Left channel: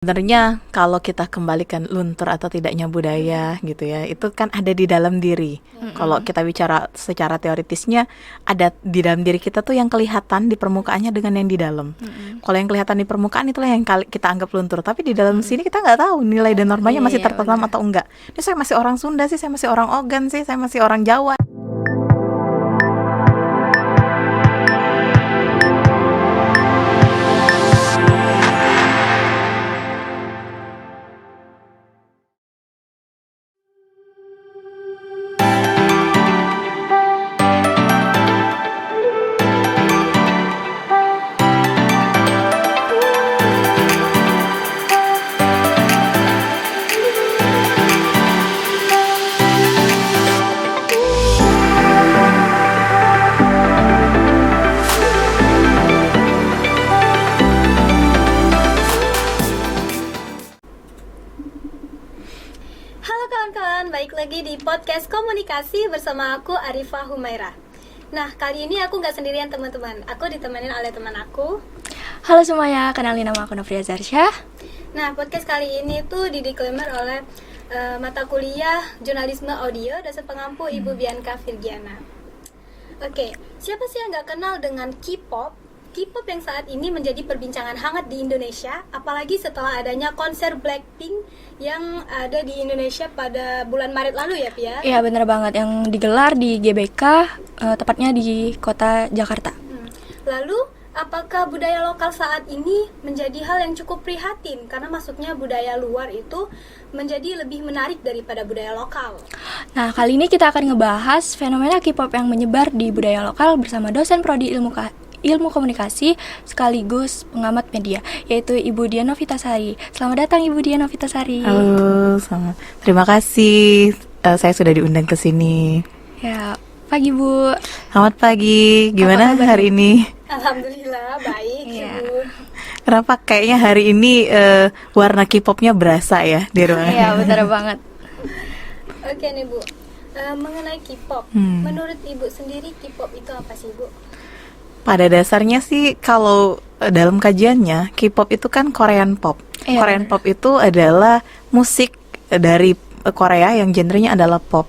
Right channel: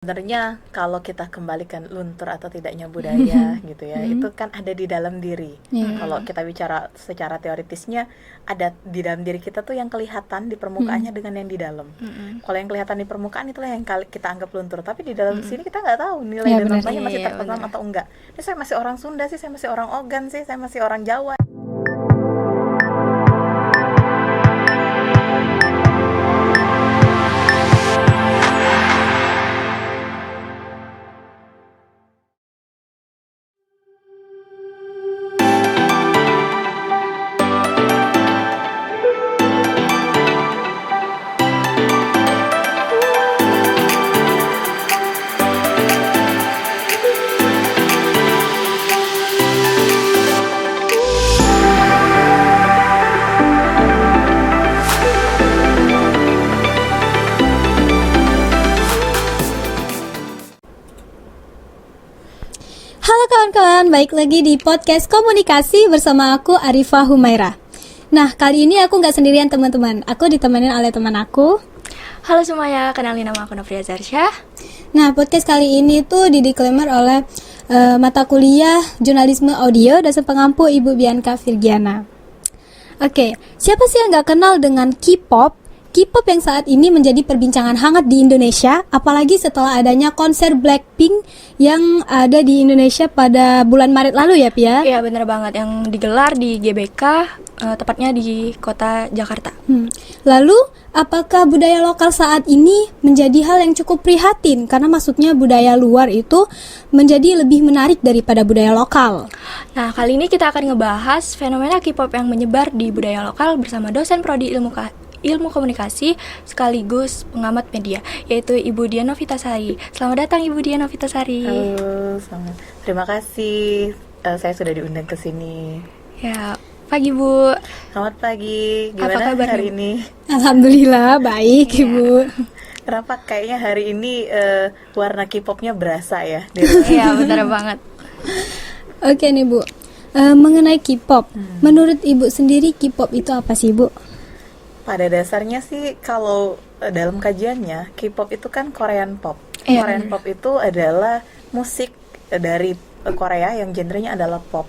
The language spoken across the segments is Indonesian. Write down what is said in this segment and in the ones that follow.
Sebenarnya kalau kita kembalikan luntur atau tidaknya budaya gitu ya, itu kan ada di dalam diri. Kalau kita bicara secara teoritisnya, ada di dalam diri kita tuh yang kelihatan di permukaannya dengan yang di dalam. Kalau yang kelihatan di permukaan itulah yang kita anggap luntur, tapi di dalam sini kita nggak tahu nilai dan normanya masih tertanam atau enggak. Ini saya masih orang Sunda sih, saya masih orang Ogan sih, saya masih orang Jawa. Halo kawan-kawan, balik lagi di podcast komunikasi bersama aku Arifah Humaira. Nah, kali ini aku nggak sendirian teman-teman, aku ditemenin oleh teman aku. Halo semuanya, kenalin nama aku Novria Zarsyah. Nah, podcast kali ini tuh didisklaimer oleh mata kuliah jurnalisme audio dosen pengampu Ibu Bianca Virgiana. Oke, siapa sih yang nggak kenal dengan K-pop? K-pop yang saat ini menjadi perbincangan hangat di Indonesia, apalagi setelah adanya konser Blackpink yang ada di Indonesia pada bulan Maret lalu ya, Pia? Iya bener banget, yang digelar di GBK, tepatnya di kota Jakarta. Lalu, apakah budaya lokal saat ini menjadi hal yang cukup prihatin? Karena maksudnya budaya luar itu menjadi lebih menarik daripada budaya lokal. Nah, kali ini kita akan ngebahas fenomena K-pop yang menyebar di budaya lokal bersama dosen prodi ilmu komunikasi sekaligus pengamat media, yaitu Ibu Dian Novitasari. Selamat datang Ibu Dian Novitasari. Halo, selamat. Terima kasih saya sudah diundang ke sini. Ya, pagi Bu. Selamat pagi. Gimana hari ini? Alhamdulillah baik, Iya. Ibu. Kenapa kayaknya hari ini warna K-popnya berasa ya di ruangan? Iya, bener banget. Oke nih Bu, mengenai K-pop, menurut Ibu sendiri K-pop itu apa sih Bu? Pada dasarnya sih kalau dalam kajiannya K-pop itu kan Korean pop. Iya, Korean bener. pop itu adalah musik dari Korea yang genrenya adalah pop.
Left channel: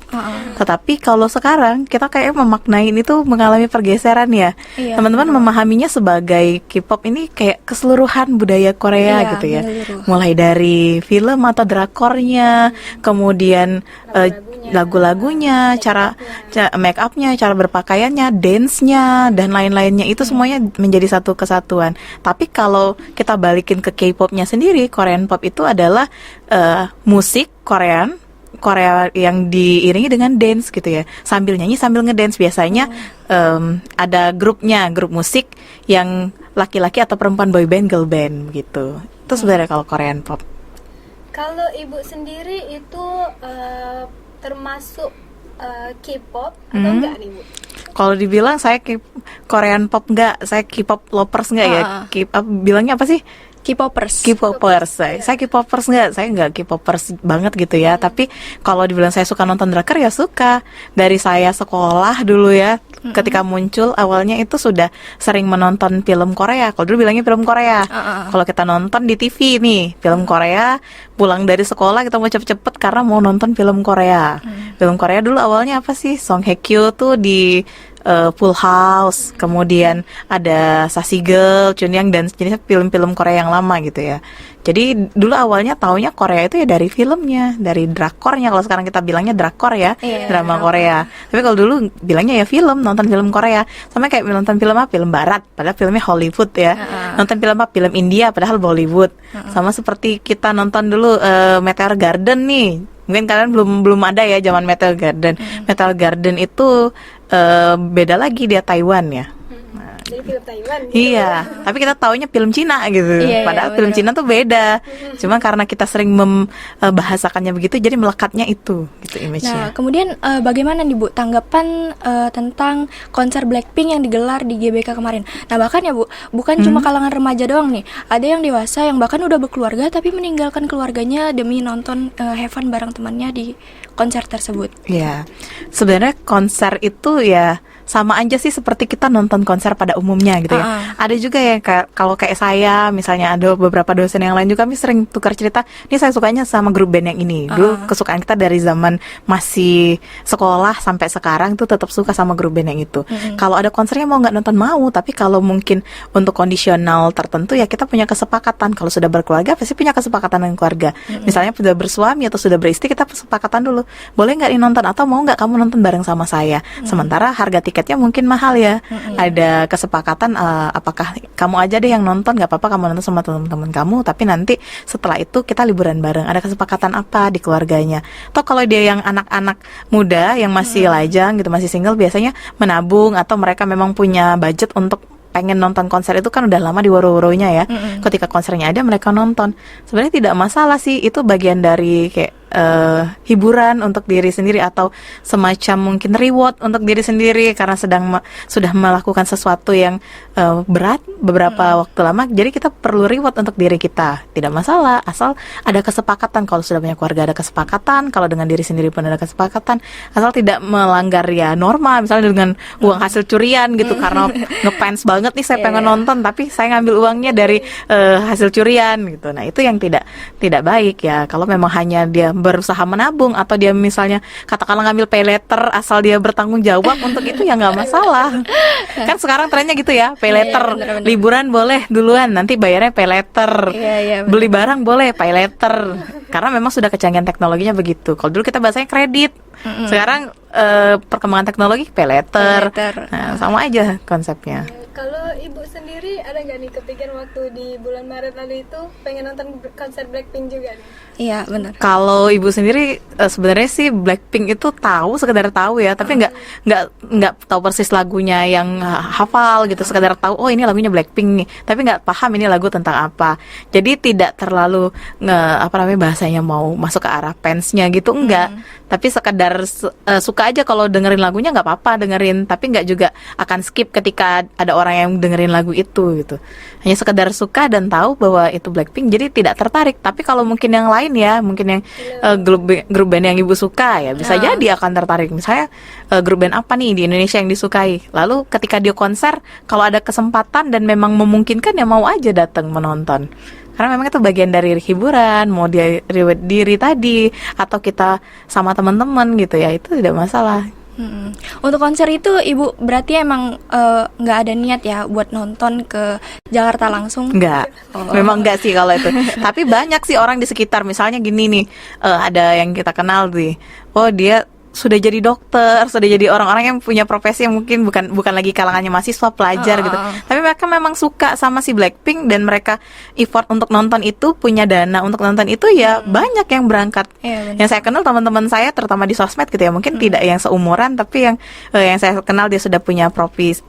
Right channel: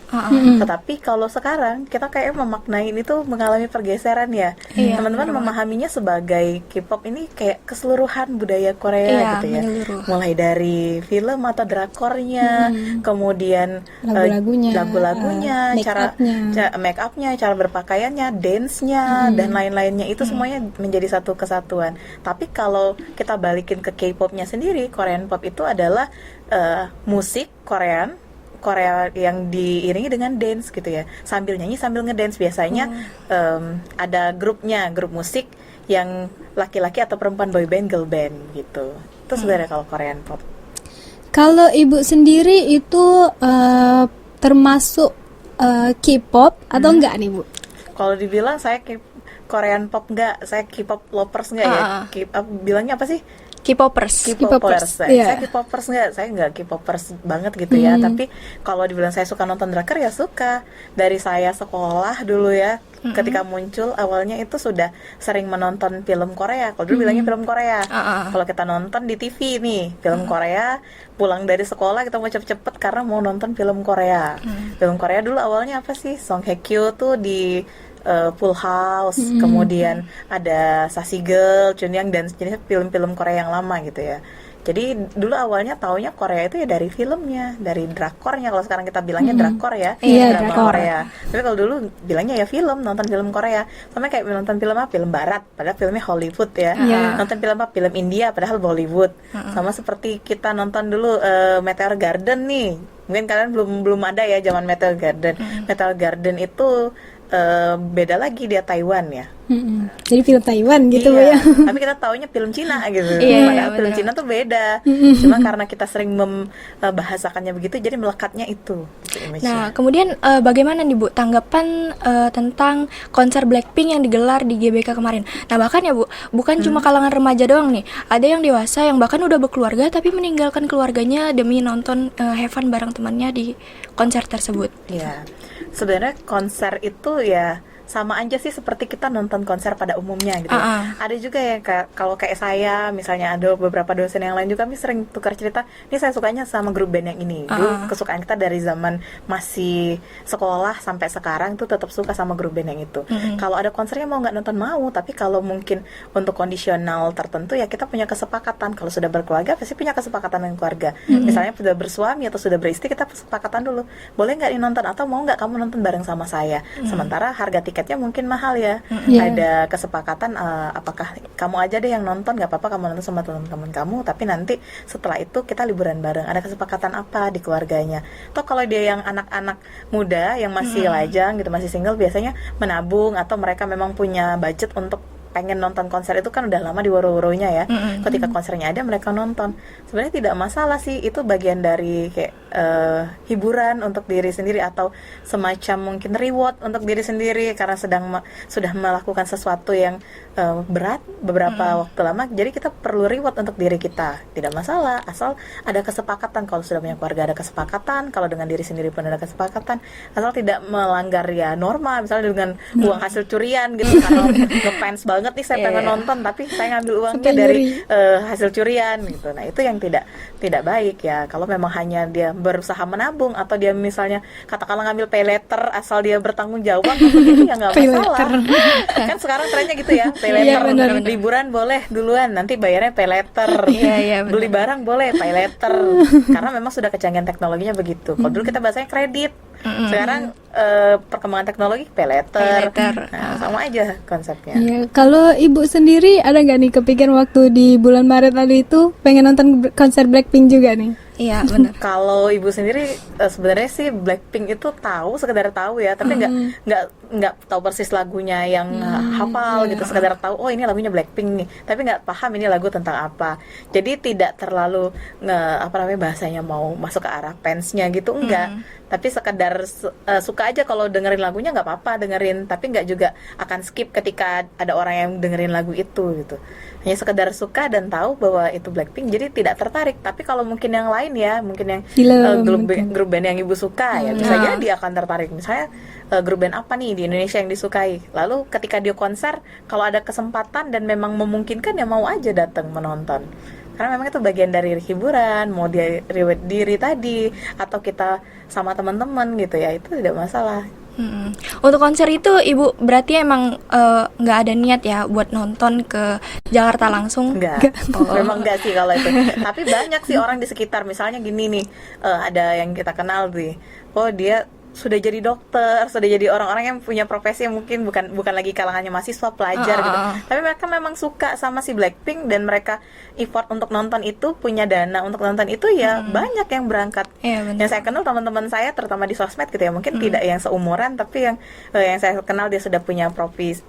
Tetapi kalau sekarang kita kayak memaknai ini tuh mengalami pergeseran ya. Iya, Teman-teman bener memahaminya sebagai K-pop ini kayak keseluruhan budaya Korea Iya, gitu ya. menyeluruh. Mulai dari film atau drakornya, kemudian lagu-lagunya, cara make upnya, cara berpakaiannya, dance-nya dan lain-lainnya itu semuanya menjadi satu kesatuan. Tapi kalau kita balikin ke K-popnya sendiri, Korean pop itu adalah musik Korea yang diiringi dengan dance gitu ya, sambil nyanyi sambil ngedance. Biasanya ada grup musik yang laki-laki atau perempuan, boy band, girl band gitu. Itu sebenarnya kalau Korean pop. Kalau Ibu sendiri itu termasuk K-pop atau enggak nih Bu? Kalau dibilang saya Korean pop enggak, saya K-pop lovers enggak ya? Bilangnya apa sih? K-popers. K-popers. Iya. Saya K-popers enggak, saya enggak K-popers banget gitu ya. Tapi kalau dibilang saya suka nonton drakor ya suka. Dari saya sekolah dulu ya, ketika muncul awalnya itu sudah sering menonton film Korea. Kalau dulu bilangnya film Korea. Kalau kita nonton di TV nih, film Korea, pulang dari sekolah kita mau cepet-cepet karena mau nonton film Korea. Film Korea dulu awalnya apa sih? Song Hye Kyo tuh di Full House, kemudian ada Sassy Girl, Chunyang, dan jenisnya film-film Korea yang lama gitu ya. Jadi dulu awalnya taunya Korea itu ya dari filmnya, dari drakornya. Kalau sekarang kita bilangnya drakor ya, Iya, drama drakor. Korea. Tapi kalau dulu bilangnya ya film, nonton film Korea. Sama kayak nonton film apa? Film Barat, padahal filmnya Hollywood ya. Nonton film apa? Film India, padahal Bollywood. Sama seperti kita nonton dulu Meteor Garden nih. Mungkin kalian belum ada ya zaman Meteor Garden. Meteor Garden itu beda lagi, dia Taiwan ya. Jadi film Taiwan gitu Iya, ya. tapi kita taunya film Cina gitu. Iya, Padahal film bener. Cina tuh beda. Cuma karena kita sering membahasakannya begitu, jadi melekatnya itu gitu image-nya. Nah, kemudian bagaimana nih Bu tanggapan tentang konser Blackpink yang digelar di GBK kemarin? Nah, bahkan ya Bu, bukan cuma kalangan remaja doang nih. Ada yang dewasa yang bahkan udah berkeluarga tapi meninggalkan keluarganya demi nonton have fun bareng temannya di konser tersebut. Iya, sebenarnya konser itu ya sama aja sih seperti kita nonton konser pada umumnya gitu ya. Ada juga ya kalau kayak saya misalnya, ada beberapa dosen yang lain juga kami sering tukar cerita, ini saya sukanya sama grup band yang ini. Dulu kesukaan kita dari zaman masih sekolah sampai sekarang tuh tetap suka sama grup band yang itu. Kalau ada konsernya mau nggak nonton mau, tapi kalau mungkin untuk kondisional tertentu ya kita punya kesepakatan. Kalau sudah berkeluarga pasti punya kesepakatan dengan keluarga. Misalnya sudah bersuami atau sudah beristri, kita kesepakatan dulu, boleh nggak nonton atau mau nggak kamu nonton bareng sama saya. Sementara harga tiketnya mungkin mahal ya. Ada kesepakatan, apakah kamu aja deh yang nonton, nggak apa-apa kamu nonton sama teman-teman kamu, tapi nanti setelah itu kita liburan bareng. Ada kesepakatan apa di keluarganya. Atau kalau dia yang anak-anak muda yang masih lajang gitu, masih single, biasanya menabung atau mereka memang punya budget untuk pengen nonton konser itu kan udah lama di woro-woronya ya. Ketika konsernya ada mereka nonton. Sebenarnya tidak masalah sih, itu bagian dari kayak hiburan untuk diri sendiri atau semacam mungkin reward untuk diri sendiri karena sudah melakukan sesuatu yang berat beberapa waktu lama. Jadi kita perlu reward untuk diri kita. Tidak masalah asal ada kesepakatan. Kalau sudah punya keluarga ada kesepakatan, kalau dengan diri sendiri pun ada kesepakatan, asal tidak melanggar ya norma, misalnya dengan uang hasil curian gitu karena ngefans banget nih saya pengen nonton tapi saya ngambil uangnya dari hasil curian gitu. Nah, itu yang tidak baik ya. Kalau memang hanya dia berusaha menabung atau dia misalnya katakanlah ngambil pay letter asal dia bertanggung jawab untuk itu ya nggak masalah. Kan sekarang trennya gitu ya, pay letter. Liburan boleh duluan, nanti bayarnya pay letter. Beli barang boleh pay letter. Karena memang sudah kecanggihan teknologinya begitu. Kalau dulu kita bahasanya kredit. Sekarang perkembangan teknologi pay letter. Nah, sama aja konsepnya. Ya, kalau ibu sendiri ada nggak nih kepikiran waktu di bulan Maret lalu itu pengen nonton konser Blackpink juga nih? Iya, benar. Kalau ibu sendiri sebenarnya sih Blackpink itu sekedar tahu ya, tapi nggak tahu persis lagunya yang hafal gitu, sekedar tahu oh ini lagunya Blackpink nih, tapi nggak paham ini lagu tentang apa. Jadi tidak terlalu bahasanya mau masuk ke arah fansnya gitu, enggak. Tapi sekedar suka aja kalau dengerin lagunya nggak apa-apa dengerin, tapi nggak juga akan skip ketika ada orang yang dengerin lagu itu gitu. Hanya sekedar suka dan tahu bahwa itu Blackpink, jadi tidak tertarik. Tapi kalau mungkin yang lain ya, mungkin yang grup band yang ibu suka ya, bisa jadi akan tertarik. Misalnya grup band apa nih di Indonesia yang disukai. Lalu ketika dia konser, kalau ada kesempatan dan memang memungkinkan ya mau aja datang menonton. Karena memang itu bagian dari hiburan, mau dia reward diri tadi atau kita sama teman-teman gitu ya, itu tidak masalah. Untuk konser itu ibu berarti emang nggak ada niat ya buat nonton ke Jakarta langsung? Enggak, memang enggak sih kalau itu. Tapi banyak sih orang di sekitar, misalnya gini nih, ada yang kita kenal nih, oh dia sudah jadi dokter, sudah jadi orang-orang yang punya profesi yang mungkin bukan lagi kalangannya mahasiswa, pelajar gitu. Tapi mereka memang suka sama si Blackpink dan mereka effort untuk nonton itu, punya dana untuk nonton itu ya banyak yang berangkat. Yang saya kenal teman-teman saya terutama di sosmed gitu ya, mungkin tidak yang seumuran tapi yang saya kenal dia sudah punya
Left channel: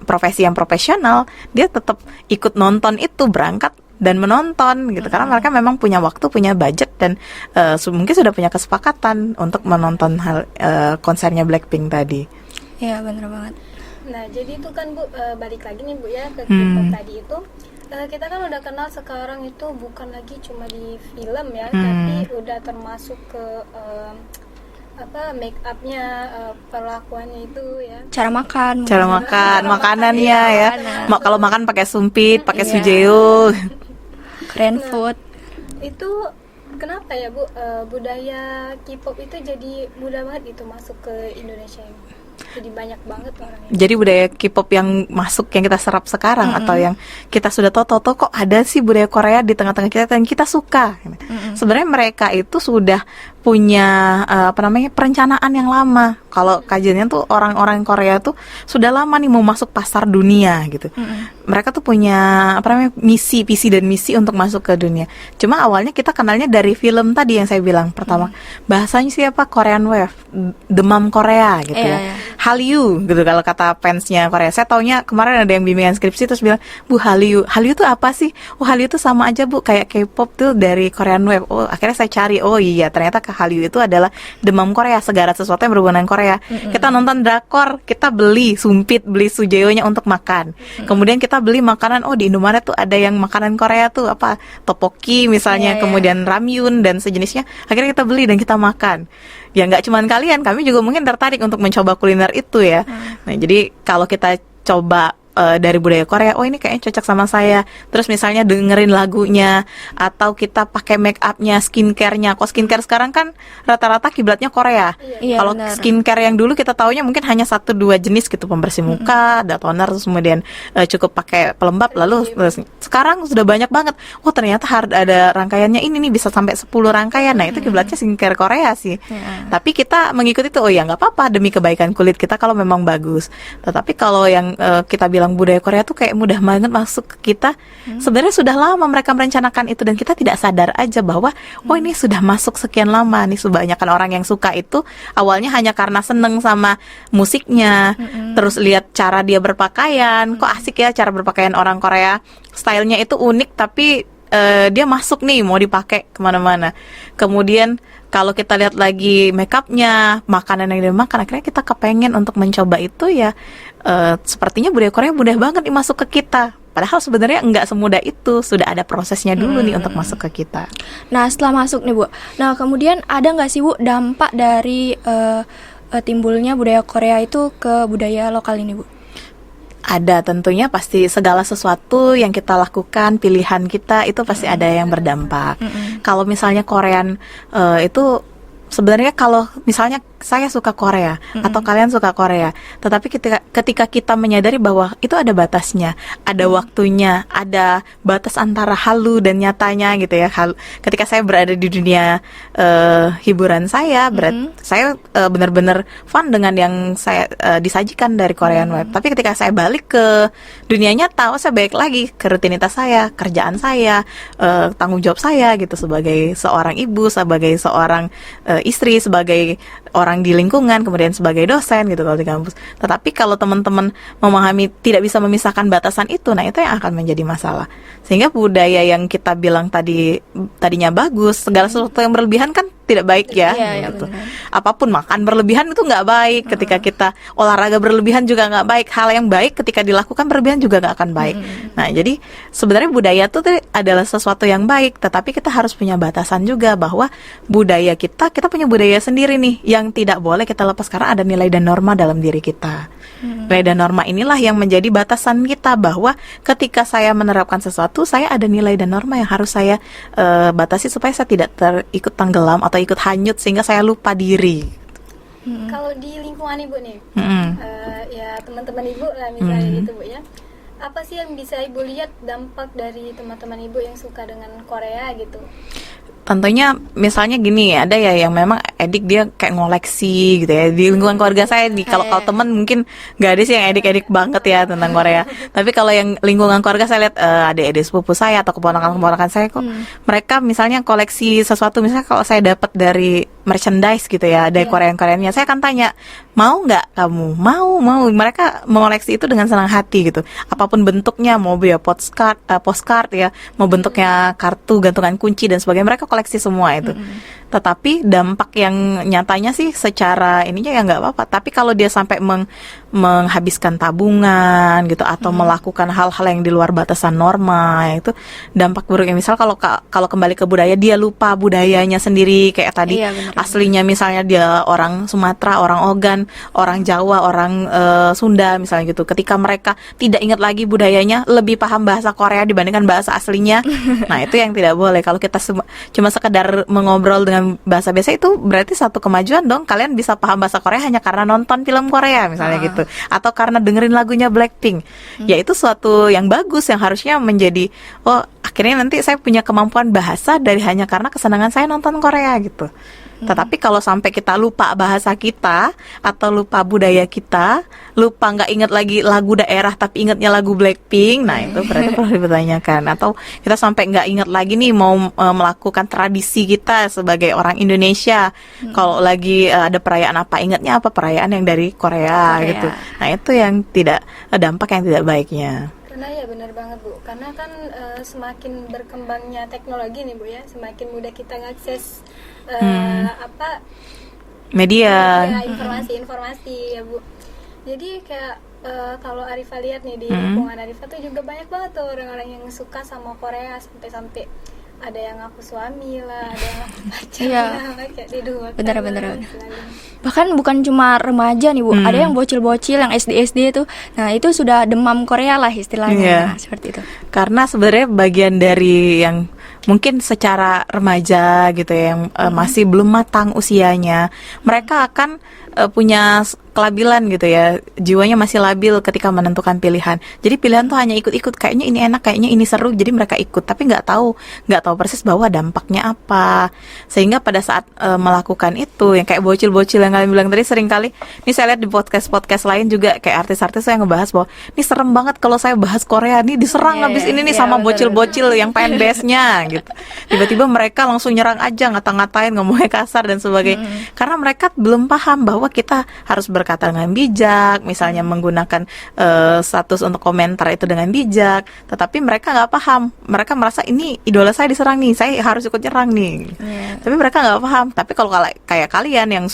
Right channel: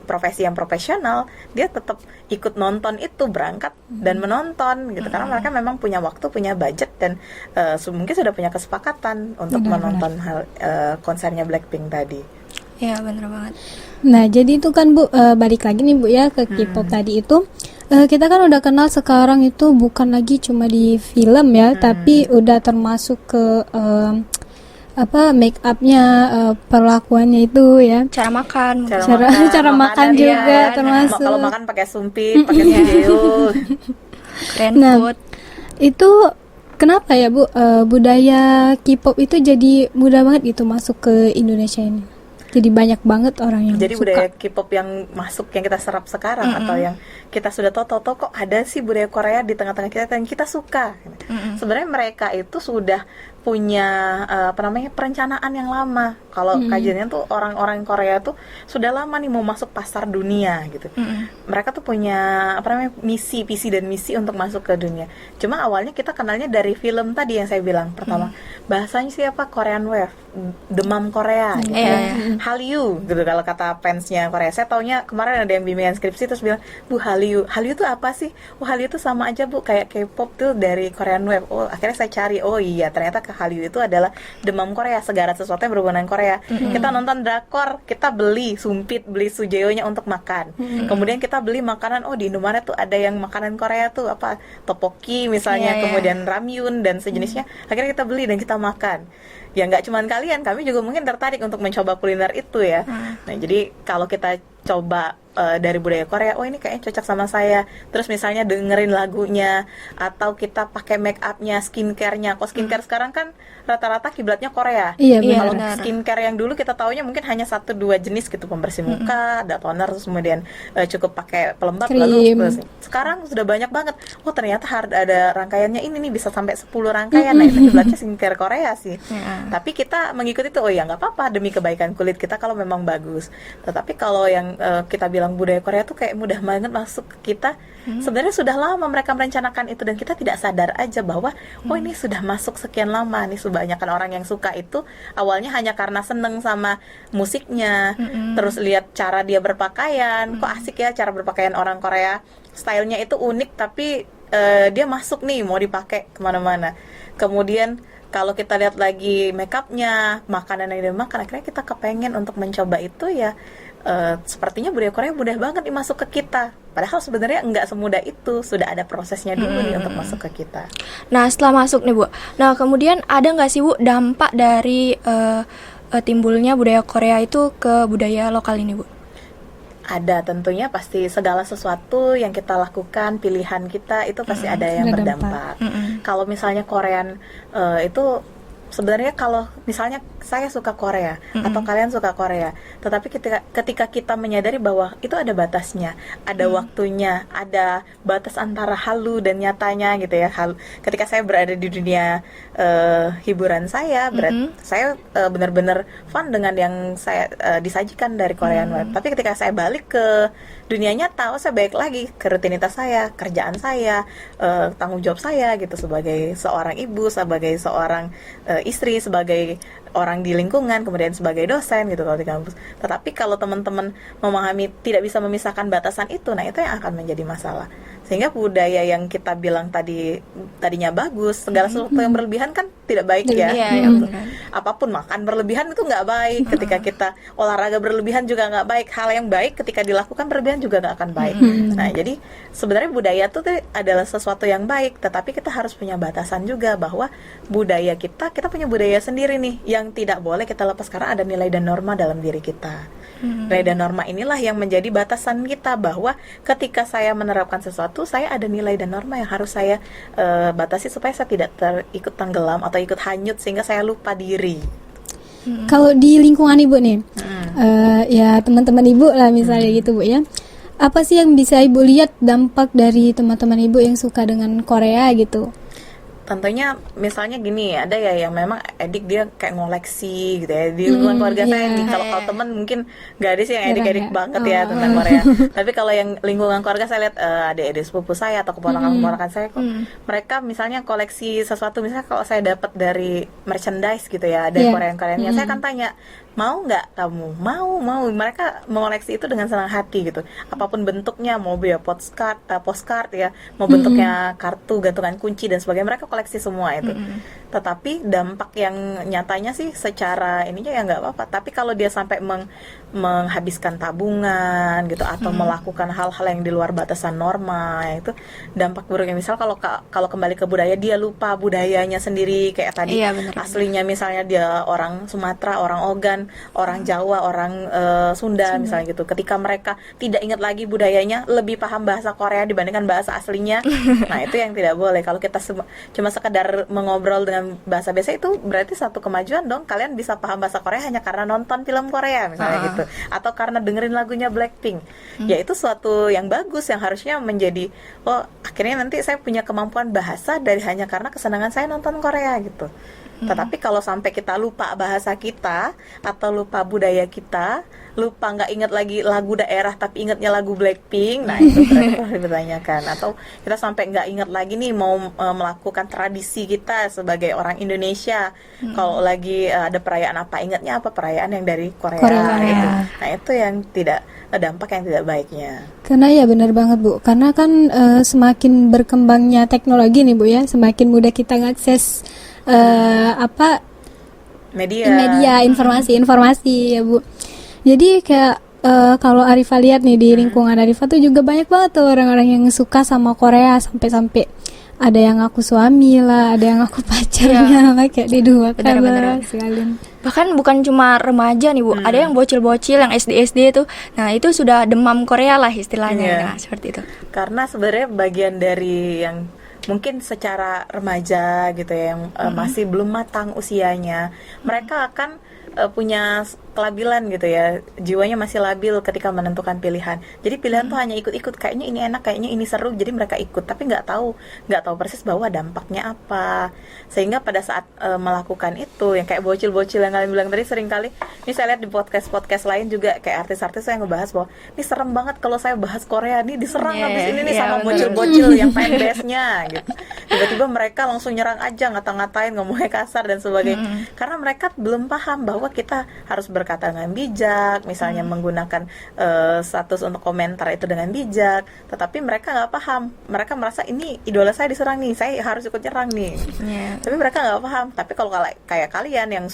profesi yang profesional, dia tetap ikut nonton itu, berangkat dan menonton gitu. Karena mereka memang punya waktu, punya budget dan mungkin sudah punya kesepakatan untuk menonton konsernya Blackpink tadi. Iya, benar banget. Nah, jadi itu kan Bu, balik lagi nih Bu ya ke K-pop tadi itu. Kita kan udah kenal sekarang itu bukan lagi cuma di film ya, tapi udah termasuk ke make upnya, perlakuannya itu ya, Cara makan makanan juga ya. termasuk. Kalau makan pakai sumpit, pakai sujeo. Korean food. Itu kenapa ya Bu, budaya K-pop itu jadi mudah banget gitu masuk ke Indonesia ini? Jadi banyak banget orang yang Jadi suka. budaya K-pop yang masuk, yang kita serap sekarang atau yang kita sudah tahu kok ada sih budaya Korea di tengah-tengah kita dan kita suka. Sebenarnya mereka itu sudah punya perencanaan yang lama. Kalau kajiannya tuh orang-orang Korea tuh sudah lama nih mau masuk pasar dunia gitu. Mereka tuh punya visi dan misi untuk masuk ke dunia. Cuma awalnya kita kenalnya dari film tadi yang saya bilang pertama. Bahasanya siapa? Korean Wave, demam Korea gitu. Hallyu gitu kalau kata fansnya Korea. Saya taunya kemarin ada yang bimbingan skripsi terus bilang, "Bu, Hallyu tuh apa sih?" "Oh, Hallyu tuh sama aja Bu, kayak K-pop tuh dari Korean Wave." Oh, akhirnya saya cari. Oh iya, ternyata Hallyu itu adalah demam Korea, segala sesuatu yang berhubungan dengan Korea. Kita nonton drakor, kita beli sumpit, beli sujeonya untuk makan. Kemudian kita beli makanan, oh di Indomaret tuh ada yang makanan Korea tuh apa, tteokbokki misalnya, kemudian ramyun dan sejenisnya. Akhirnya kita beli dan kita makan. Ya nggak cuman kalian, kami juga mungkin tertarik untuk mencoba kuliner itu ya. Nah jadi kalau kita coba dari budaya Korea, oh ini kayaknya cocok sama saya. Terus misalnya dengerin lagunya, atau kita pakai make upnya, skincare-nya. Kok skincare sekarang kan rata-rata kiblatnya Korea. Iya, Kalau benar. skincare yang dulu kita taunya mungkin hanya 1-2 jenis gitu, pembersih muka, ada toner, terus kemudian cukup pakai pelembab, Krim. lalu sekarang sudah banyak banget. Oh ternyata ada rangkaiannya ini nih, bisa sampai 10 rangkaian. Nah itu kiblatnya skincare Korea sih. Tapi kita mengikuti itu, oh ya nggak apa-apa demi kebaikan kulit kita kalau memang bagus. Tetapi kalau yang kita bilang budaya Korea tuh kayak mudah banget masuk ke kita, sebenarnya sudah lama mereka merencanakan itu dan kita tidak sadar aja bahwa oh ini sudah masuk sekian lama nih. Kebanyakan orang yang suka itu awalnya hanya karena seneng sama musiknya, terus lihat cara dia berpakaian, kok asik ya cara berpakaian orang Korea, stylenya itu unik tapi dia masuk nih mau dipakai kemana-mana. Kemudian kalau kita lihat lagi makeupnya, makanan yang dia makan, akhirnya kita kepengen untuk mencoba itu ya. Sepertinya budaya Korea mudah banget masuk ke kita. Padahal sebenarnya nggak semudah itu, sudah ada prosesnya dulu nih untuk masuk ke kita. Nah, setelah masuk nih Bu, nah kemudian ada nggak sih Bu dampak dari timbulnya budaya Korea itu ke budaya lokal ini Bu? Ada, tentunya pasti segala sesuatu yang kita lakukan, pilihan kita itu pasti ada yang berdampak. Kalau misalnya Korean itu sebenarnya kalau misalnya saya suka Korea atau kalian suka Korea, tetapi ketika kita menyadari bahwa itu ada batasnya, ada waktunya, ada batas antara halu dan nyatanya gitu ya. Ketika saya berada di dunia hiburan saya, saya benar-benar fun dengan yang saya disajikan dari Korean Web. Tapi ketika saya balik ke dunia nyata, saya balik lagi ke rutinitas saya, kerjaan saya, tanggung jawab saya gitu sebagai seorang ibu, sebagai seorang istri, sebagai orang di lingkungan, kemudian sebagai dosen gitu kalau di kampus. Tetapi kalau teman-teman memahami tidak bisa memisahkan batasan itu, nah itu yang akan menjadi masalah. Sehingga budaya yang kita bilang tadinya bagus, segala sesuatu yang berlebihan kan tidak baik ya. Gitu. Apapun makan berlebihan itu nggak baik. Ketika kita olahraga berlebihan juga nggak baik. Hal yang baik ketika dilakukan berlebihan juga nggak akan baik. Nah jadi sebenarnya budaya itu adalah sesuatu yang baik, tetapi kita harus punya batasan juga bahwa budaya kita punya budaya sendiri nih yang tidak boleh kita lepas karena ada nilai dan norma dalam diri kita. Nilai dan norma inilah yang menjadi batasan kita bahwa ketika saya menerapkan sesuatu, saya ada nilai dan norma yang harus saya batasi supaya saya tidak ikut tenggelam atau ikut hanyut sehingga saya lupa diri. Kalau di lingkungan Ibu nih, ya teman-teman Ibu lah misalnya gitu Bu ya. Apa sih yang bisa Ibu lihat dampak dari teman-teman Ibu yang suka dengan Korea gitu? Tentunya misalnya gini, ada ya yang memang edik dia kayak ngoleksi gitu ya. Di lingkungan keluarga saya, kalau teman mungkin nggak ada sih yang edik-edik banget ya tentang Korea. Tapi kalau yang lingkungan keluarga saya lihat adik-adik sepupu saya atau keponakan-keponakan saya kok mereka misalnya koleksi sesuatu, misalnya kalau saya dapat dari merchandise gitu ya, dari Korean-Koreannya, saya akan tanya, mau nggak kamu? Mau. Mereka mengoleksi itu dengan senang hati gitu. Apapun bentuknya, mau ya postcard ya, mau bentuknya kartu, gantungan kunci dan sebagainya, mereka koleksi semua itu. Tetapi dampak yang nyatanya sih secara ininya ya nggak apa-apa. Tapi kalau dia sampai menghabiskan tabungan gitu atau melakukan hal-hal yang di luar batasan norma, itu dampak buruknya. Misal kalau kembali ke budaya, dia lupa budayanya sendiri kayak tadi. Aslinya misalnya dia orang Sumatera, orang Ogan, orang Jawa, orang Sunda misalnya gitu. Ketika mereka tidak ingat lagi budayanya, lebih paham bahasa Korea dibandingkan bahasa aslinya. Nah itu yang tidak boleh. Kalau kita cuma sekedar mengobrol dengan bahasa biasa, itu berarti satu kemajuan dong. Kalian bisa paham bahasa Korea hanya karena nonton film Korea misalnya gitu, atau karena dengerin lagunya Blackpink. Ya itu suatu yang bagus yang harusnya menjadi, oh akhirnya nanti saya punya kemampuan bahasa dari hanya karena kesenangan saya nonton Korea gitu. Tetapi kalau sampai kita lupa bahasa kita atau lupa budaya kita, lupa nggak ingat lagi lagu daerah tapi ingatnya lagu Blackpink, nah itu berarti perlu dipertanyakan. Atau kita sampai nggak ingat lagi nih mau melakukan tradisi kita sebagai orang Indonesia. Kalau lagi ada perayaan apa, ingatnya apa perayaan yang dari Korea gitu. Nah itu yang dampak yang tidak baiknya. Karena ya benar banget Bu, karena kan semakin berkembangnya teknologi nih Bu ya, semakin mudah kita ngakses apa Media. media informasi ya Bu. Jadi kayak kalau Arifa lihat nih di lingkungan Arifa tuh juga banyak banget tuh orang-orang yang suka sama Korea, sampai ada yang ngaku suami lah, ada yang ngaku pacarnya lah, kayak di dua Benar-benar. sekalian. Bahkan bukan cuma remaja nih Bu, ada yang bocil-bocil yang SD itu. Nah, itu sudah demam Korea lah istilahnya. Iya. Nah, seperti itu. Karena sebenarnya bagian dari yang mungkin secara remaja gitu ya, yang masih belum matang usianya, mereka akan punya kelabilan gitu ya, jiwanya masih labil ketika menentukan pilihan. Jadi pilihan tuh hanya ikut-ikut, kayaknya ini enak, kayaknya ini seru, jadi mereka ikut, tapi nggak tahu persis bahwa dampaknya apa. Sehingga pada saat melakukan itu, yang kayak bocil-bocil yang kalian bilang tadi, sering kali ini saya lihat di podcast lain juga, kayak artis-artis yang ngebahas bahwa ini serem banget kalau saya bahas Korea nih, diserang habis ini nih sama bocil-bocil yang fanbase-nya gitu. Tiba-tiba mereka langsung nyerang aja, ngata-ngatain, ngomongnya kasar dan sebagainya. Karena mereka belum paham bahwa kita harus berkata dengan bijak, misalnya menggunakan status untuk komentar itu dengan bijak. Tetapi mereka nggak paham, mereka merasa ini idola saya diserang nih, saya harus ikut nyerang nih. Tapi mereka nggak paham. Tapi kalau kayak kalian yang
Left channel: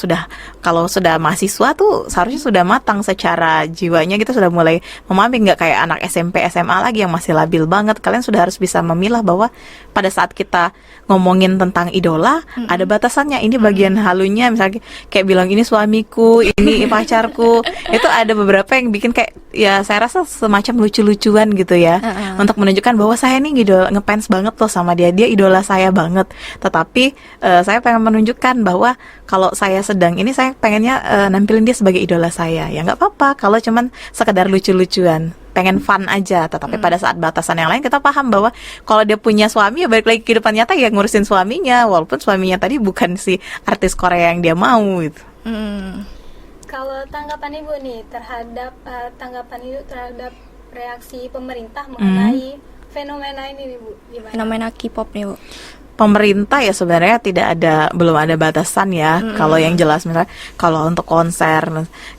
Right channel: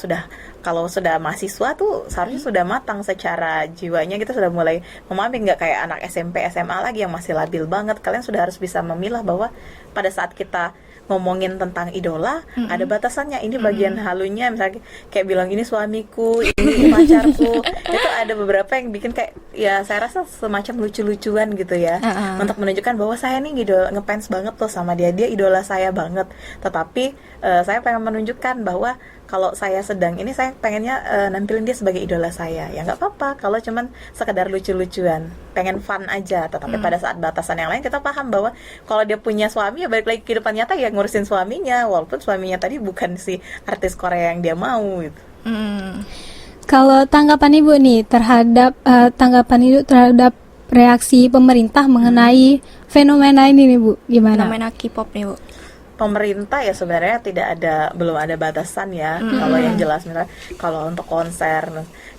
kalau sudah mahasiswa tuh seharusnya sudah matang secara jiwanya, gitu, sudah mulai memahami, nggak kayak anak SMP SMA lagi yang masih labil banget. Kalian sudah harus bisa memilah bahwa pada saat kita ngomongin tentang idola, ada batasannya. Ini bagian halunya, misalnya kayak bilang ini suamiku, ini pacarku. Itu ada beberapa yang bikin kayak, ya saya rasa semacam lucu-lucuan gitu ya, untuk menunjukkan bahwa saya nih ngefans banget loh sama dia idola saya banget. Tetapi saya pengen menunjukkan bahwa kalau saya sedang ini, saya pengennya nampilin dia sebagai idola saya. Ya nggak apa-apa kalau cuman sekedar lucu-lucuan, pengen fun aja. Tetapi pada saat batasan yang lain, kita paham bahwa kalau dia punya suami, ya balik lagi ke kehidupan nyata, ya ngurusin suaminya, walaupun suaminya tadi bukan si artis Korea yang dia mau gitu. Kalau tanggapan Ibu nih terhadap reaksi pemerintah mengenai fenomena ini nih Bu, gimana? Fenomena K-pop nih Bu. Pemerintah ya sebenarnya belum ada batasan ya. Kalau yang jelas misalnya kalau untuk konser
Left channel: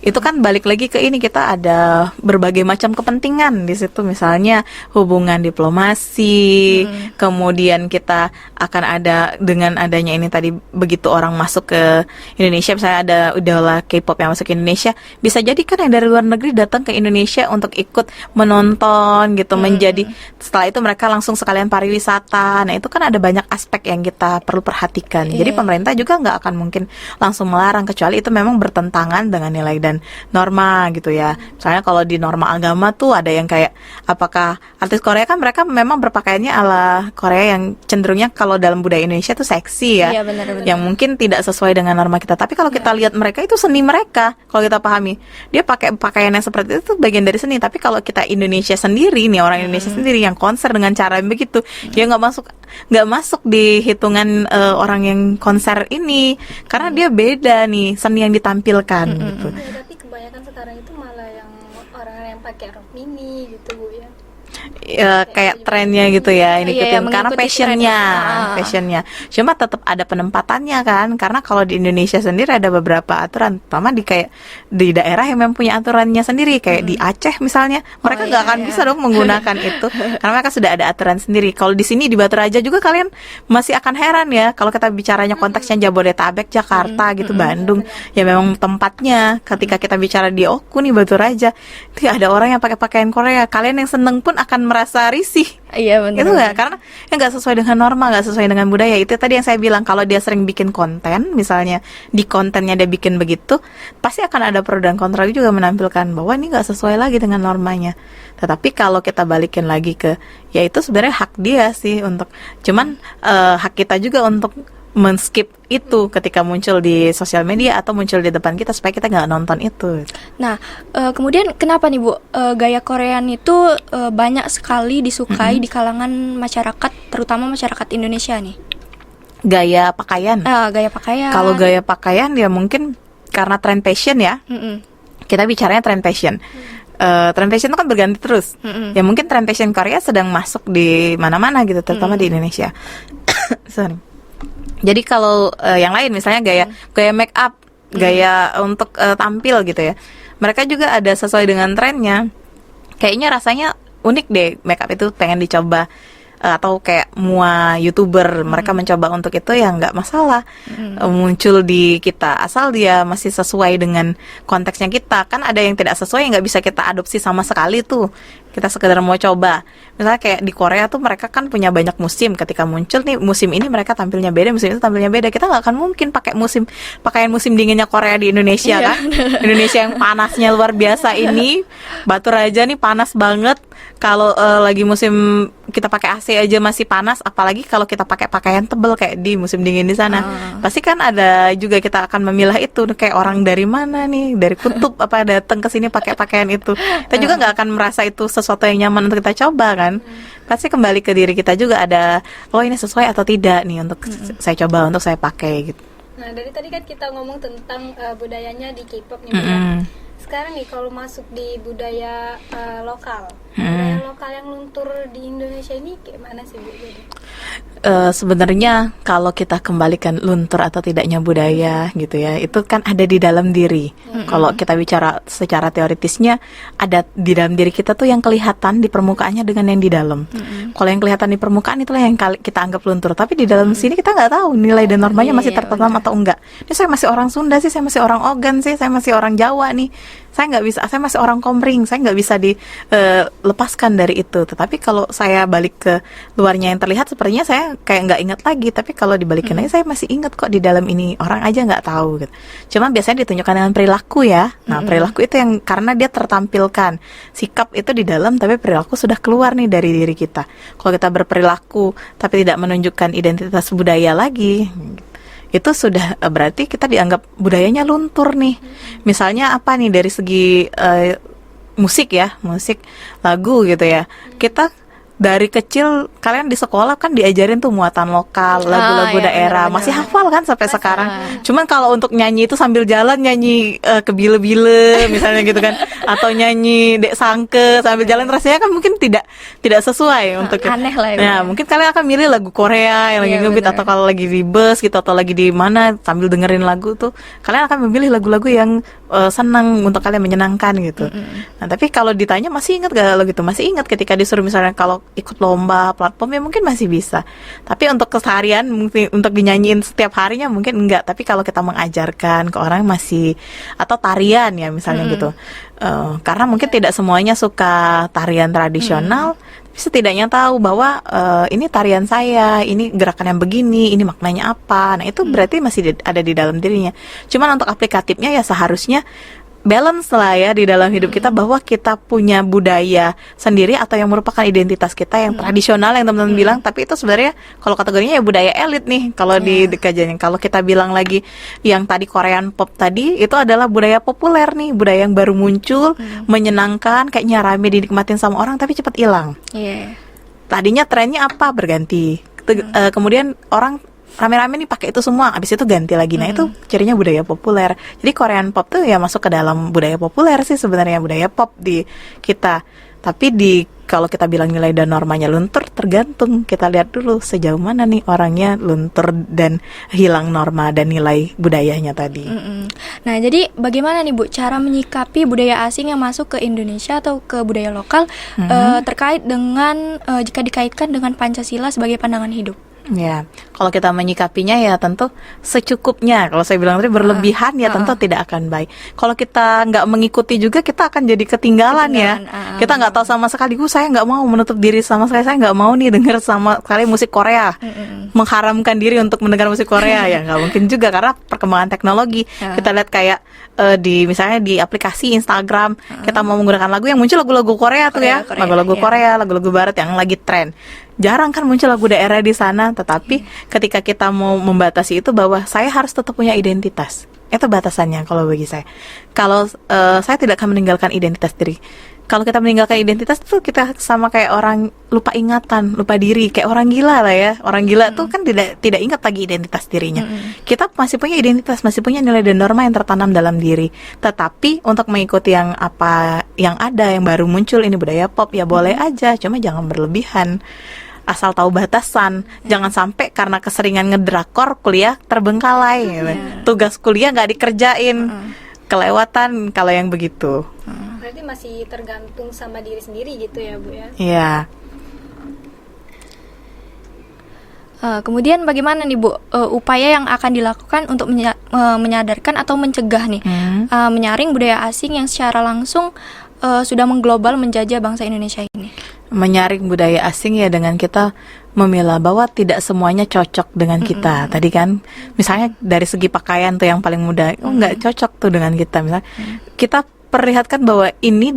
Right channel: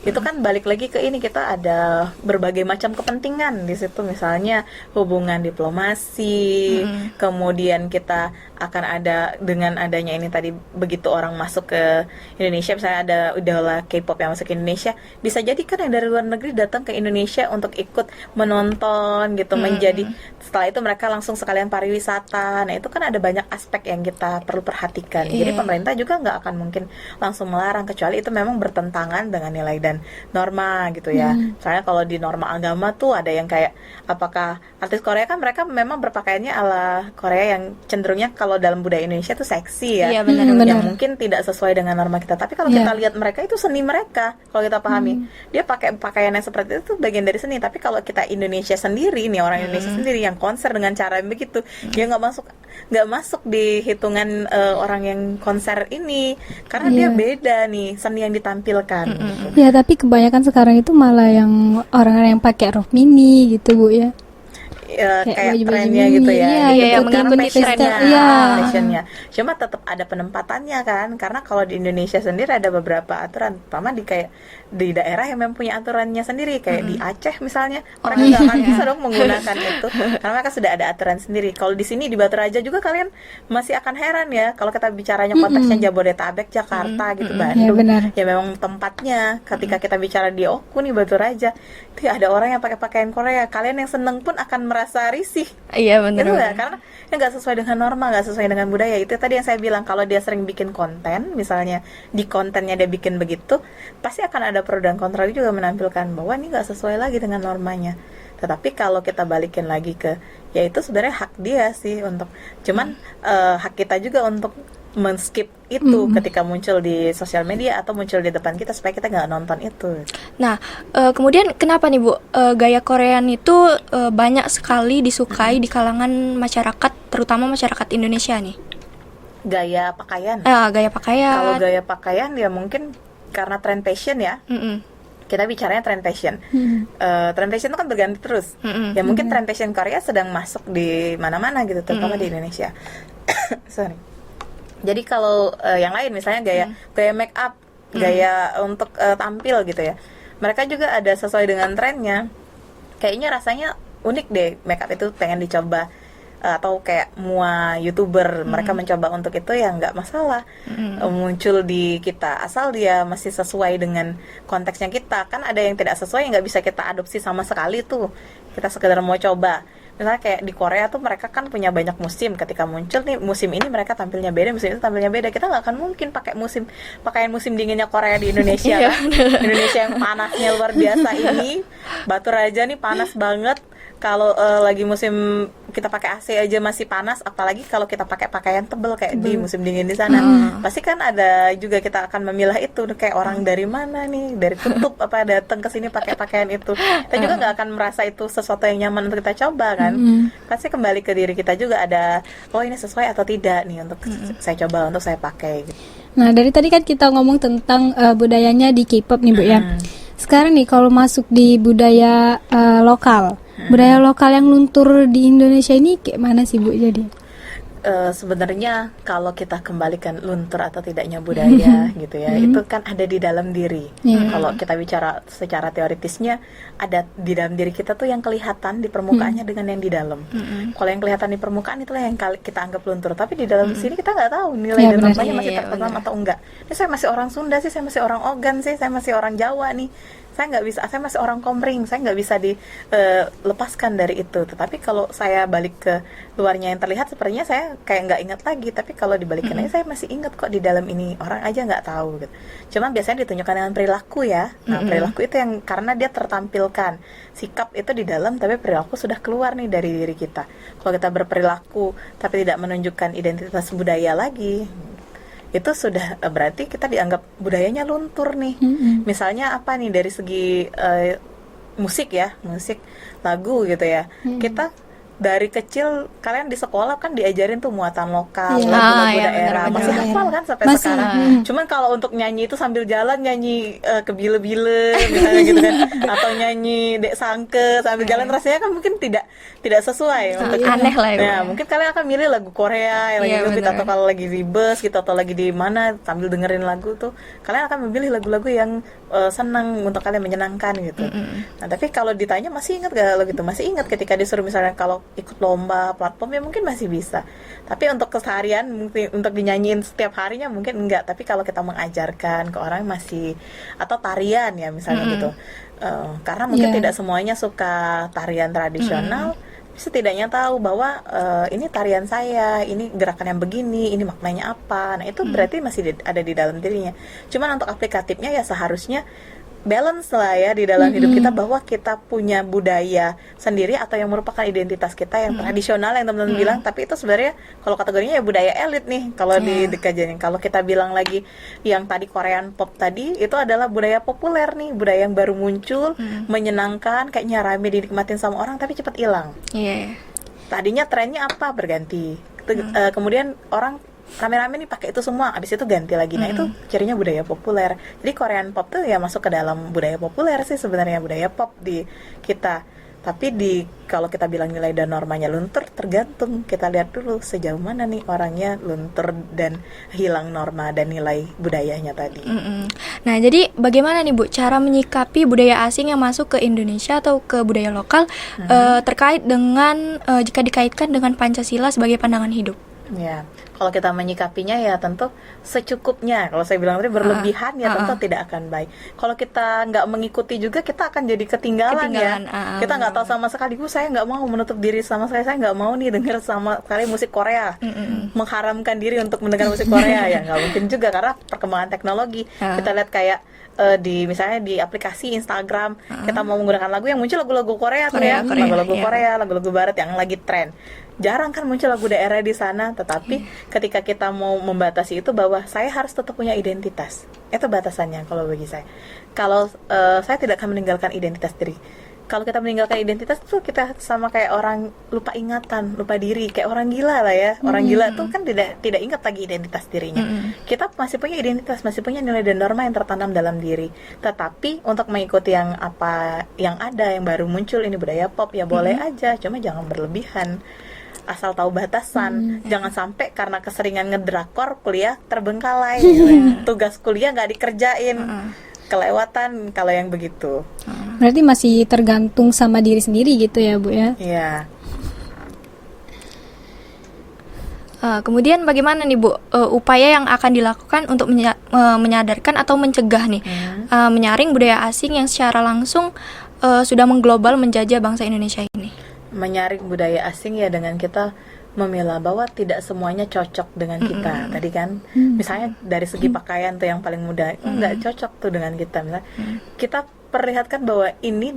itu kan balik lagi ke ini, kita ada berbagai macam kepentingan di situ, misalnya hubungan diplomasi, kemudian kita akan ada dengan adanya ini tadi, begitu orang masuk ke Indonesia, misalnya ada idola K-pop yang masuk ke Indonesia, bisa jadi kan yang dari luar negeri datang ke Indonesia untuk ikut menonton gitu, menjadi setelah itu mereka langsung sekalian pariwisata. Nah, itu kan ada banyak aspek yang kita perlu perhatikan. Jadi pemerintah juga nggak akan mungkin langsung melarang, kecuali itu memang bertentangan dengan nilai dan norma gitu ya. Misalnya kalau di norma agama tuh ada yang kayak, apakah artis Korea kan mereka memang berpakaiannya ala Korea yang cenderungnya kalau dalam budaya Indonesia tuh seksi ya. Iya, benar-benar. Yang mungkin tidak sesuai dengan norma kita. Tapi kalau kita lihat mereka itu seni mereka, kalau kita pahami, dia pakai pakaian yang seperti itu bagian dari seni. Tapi kalau kita Indonesia sendiri nih, orang Indonesia sendiri yang konser dengan cara yang begitu, dia nggak masuk di hitungan orang yang konser ini, karena dia beda nih seni yang ditampilkan. Gitu. Ya, tapi kebanyakan sekarang itu malah yang orang-orang yang pakai rok mini gitu Bu ya. Kayak trennya gitu ya, iya, karena mengikuti passionnya, trennya. passionnya. Cuma tetap ada penempatannya kan, karena kalau di Indonesia sendiri ada beberapa aturan, terutama kayak di daerah yang memang punya aturannya sendiri, kayak di Aceh misalnya, mereka nggak akan bisa dong menggunakan itu, karena mereka sudah ada aturan sendiri. Kalau di sini di Batu Raja juga kalian masih akan heran ya, kalau kita bicaranya konteksnya Jabodetabek, Jakarta gitu, Bandung, ya memang tempatnya. Ketika kita bicara di Oku nih, Batu Raja, itu ada orang yang pakai pakaian Korea, kalian yang seneng pun akan merasa risih. Iya, benar. Itu nggak, karena nggak sesuai dengan norma, nggak sesuai dengan budaya. Itu tadi yang saya bilang, kalau dia sering bikin konten, misalnya di kontennya dia bikin begitu, pasti akan ada pro dan kontra juga menampilkan bahwa ini nggak sesuai lagi dengan normanya. Tetapi kalau kita balikin lagi ke, ya itu sebenarnya hak dia sih untuk, cuman hak kita juga untuk men-skip itu ketika muncul di sosial media atau muncul di depan kita, supaya kita nggak nonton itu. Nah, kemudian kenapa nih Bu, gaya Korean itu banyak sekali disukai di kalangan masyarakat, terutama masyarakat Indonesia nih? Gaya pakaian. Gaya pakaian. Kalau gaya pakaian ya mungkin karena tren fashion ya. Kita bicaranya tren fashion. Tren fashion itu kan berganti terus. Ya mungkin tren fashion Korea sedang masuk di mana-mana gitu, terutama di Indonesia. Sorry. Jadi kalau yang lain misalnya gaya make up, gaya untuk tampil gitu ya, mereka juga ada sesuai dengan trennya. Kayaknya rasanya unik deh make up itu, pengen dicoba. atau kayak mua YouTuber, mereka mencoba untuk itu ya nggak masalah. Muncul di kita asal dia masih sesuai dengan konteksnya kita. Kan ada yang tidak sesuai yang nggak bisa kita adopsi sama sekali tuh. Kita sekedar mau coba. Misalnya kayak di Korea tuh mereka kan punya banyak musim. Ketika muncul nih musim ini mereka tampilnya beda, musim itu tampilnya beda. Kita nggak akan mungkin pakai pakaian musim dinginnya Korea di Indonesia kan. Indonesia yang panasnya luar biasa ini, Batu Raja nih panas banget. Kalau lagi musim kita pakai AC aja masih panas, apalagi kalau kita pakai pakaian tebal kayak di musim dingin di sana. Pasti kan ada juga kita akan memilah itu kayak orang dari mana nih, dari kutub apa datang ke sini pakai pakaian itu. Kita juga nggak akan merasa itu sesuatu yang nyaman untuk kita coba kan. Pasti kembali ke diri kita juga ada, oh ini sesuai atau tidak nih untuk saya coba, untuk saya pakai gitu. Nah, dari tadi kan kita ngomong tentang budayanya di K-pop nih Bu ya. Sekarang nih kalau masuk di budaya lokal, budaya lokal yang luntur di Indonesia ini kayak mana sih Bu jadi? Sebenarnya kalau kita kembalikan luntur atau tidaknya budaya gitu ya, itu kan ada di dalam diri. Kalau kita bicara secara teoritisnya, ada di dalam diri kita tuh yang kelihatan di permukaannya dengan yang di dalam. Kalau yang kelihatan di permukaan itulah yang kita anggap luntur, tapi di dalam sini kita nggak tahu nilai dan normanya masih tertanam atau enggak. Ini saya masih orang Sunda sih, saya masih orang Ogan sih, saya masih orang Jawa nih. Saya nggak bisa, saya masih orang Komering, saya nggak bisa dilepaskan dari itu. Tetapi kalau saya balik ke luarnya yang terlihat, sepertinya saya kayak nggak ingat lagi. Tapi kalau dibalikin lagi, saya masih ingat kok di dalam ini. Orang aja nggak tahu gitu. Cuma biasanya ditunjukkan dengan perilaku ya. Nah, perilaku itu yang karena dia tertampilkan. Sikap itu di dalam, tapi perilaku sudah keluar nih dari diri kita. Kalau kita berperilaku tapi tidak menunjukkan identitas budaya lagi, itu sudah berarti kita dianggap budayanya luntur nih. Misalnya apa nih dari segi musik ya, musik lagu gitu ya. Kita dari kecil kalian di sekolah kan diajarin tuh muatan lokal, lagu-lagu daerah, bener-bener. masih hafal kan sampai sekarang. Cuman kalau untuk nyanyi itu sambil jalan nyanyi kebile-bile misalnya gitu kan, atau nyanyi Dek Sangke sambil jalan, rasanya kan mungkin tidak sesuai untuk aneh lah ya. Nah, mungkin kalian akan milih lagu Korea yang lagi Iya, ngebeat, bener. atau kalau lagi di bus gitu atau lagi di mana sambil dengerin lagu tuh, kalian akan memilih lagu-lagu yang senang untuk kalian, menyenangkan gitu. Nah, tapi kalau ditanya masih ingat gak lo gitu? Masih ingat ketika disuruh misalnya kalau ikut lomba platform ya mungkin masih bisa. Tapi untuk keseharian mungkin untuk dinyanyiin setiap harinya mungkin enggak. Tapi kalau kita mengajarkan ke orang masih, atau tarian ya misalnya gitu. Karena mungkin tidak semuanya suka tarian tradisional. Setidaknya tahu bahwa ini tarian saya, ini gerakan yang begini, ini maknanya apa. Nah itu berarti masih ada di dalam dirinya. Cuman untuk aplikatifnya ya seharusnya balance lah ya di dalam hidup kita, bahwa kita punya budaya sendiri atau yang merupakan identitas kita yang tradisional yang teman-teman bilang, tapi itu sebenarnya kalau kategorinya ya budaya elit nih kalau di kajian. Kalau kita bilang lagi yang tadi Korean pop tadi, itu adalah budaya populer nih, budaya yang baru muncul, menyenangkan, kayaknya rame dinikmatin sama orang tapi cepat hilang. Tadinya trennya apa, berganti. Kemudian orang rame-rame nih pakai itu semua, abis itu ganti lagi. Nah itu cirinya budaya populer. Jadi Korean pop tuh ya masuk ke dalam budaya populer sih sebenarnya, budaya pop di kita. Tapi kalau kita bilang nilai dan normanya luntur, tergantung kita lihat dulu sejauh mana nih orangnya luntur dan hilang norma dan nilai budayanya tadi. Nah, jadi bagaimana nih Bu cara menyikapi budaya asing yang masuk ke Indonesia atau ke budaya lokal terkait dengan jika dikaitkan dengan Pancasila sebagai pandangan hidup? Ya, kalau kita menyikapinya ya tentu secukupnya. Kalau saya bilang tadi berlebihan ya tentu tidak akan baik. Kalau kita nggak mengikuti juga, kita akan jadi ketinggalan ya. Kita nggak tahu sama sekali. Saya nggak mau menutup diri sama sekali. Saya nggak mau nih dengar sama sekali musik Korea. Mengharamkan diri untuk mendengar musik Korea ya nggak mungkin juga, karena perkembangan teknologi. Kita lihat kayak misalnya di aplikasi Instagram, kita mau menggunakan lagu yang muncul lagu-lagu Korea tuh ya, lagu-lagu Korea, lagu-lagu Barat yang lagi tren. Jarang kan muncul lagu daerah di sana, tetapi ketika kita mau membatasi itu, bahwa saya harus tetap punya identitas. Itu batasannya kalau bagi saya. Kalau saya tidak akan meninggalkan identitas diri. Kalau kita meninggalkan identitas tuh kita sama kayak orang lupa ingatan, lupa diri, kayak orang gila lah ya. Orang gila tuh kan tidak ingat lagi identitas dirinya. Kita masih punya identitas, masih punya nilai dan norma yang tertanam dalam diri. Tetapi untuk mengikuti yang apa yang ada, yang baru muncul, ini budaya pop ya boleh aja, cuma jangan berlebihan. Asal tahu batasan, jangan sampai karena keseringan ngedrakor kuliah terbengkalai, tugas kuliah nggak dikerjain, kelewatan kalau yang begitu. Berarti masih tergantung sama diri sendiri gitu ya Bu ya? Iya. Kemudian bagaimana nih Bu upaya yang akan dilakukan untuk menyadarkan atau mencegah nih menyaring budaya asing yang secara langsung sudah mengglobal menjajah bangsa Indonesia ini? Menyaring budaya asing ya dengan kita memilah bahwa tidak semuanya cocok dengan kita. Tadi kan misalnya dari segi pakaian tuh yang paling mudah, nggak cocok tuh dengan kita. Misalnya kita perlihatkan bahwa ini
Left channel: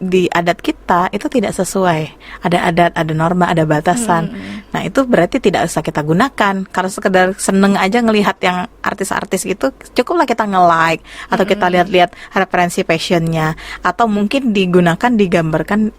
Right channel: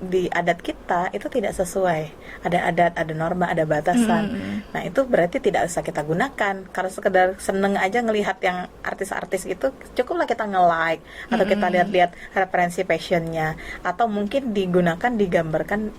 di adat kita itu tidak sesuai. Ada adat, ada norma, ada batasan. Nah, itu berarti tidak usah kita gunakan. Kalau sekedar seneng aja ngelihat yang artis-artis itu, cukuplah kita nge-like atau kita lihat-lihat referensi fashionnya, atau mungkin digunakan, digambarkan,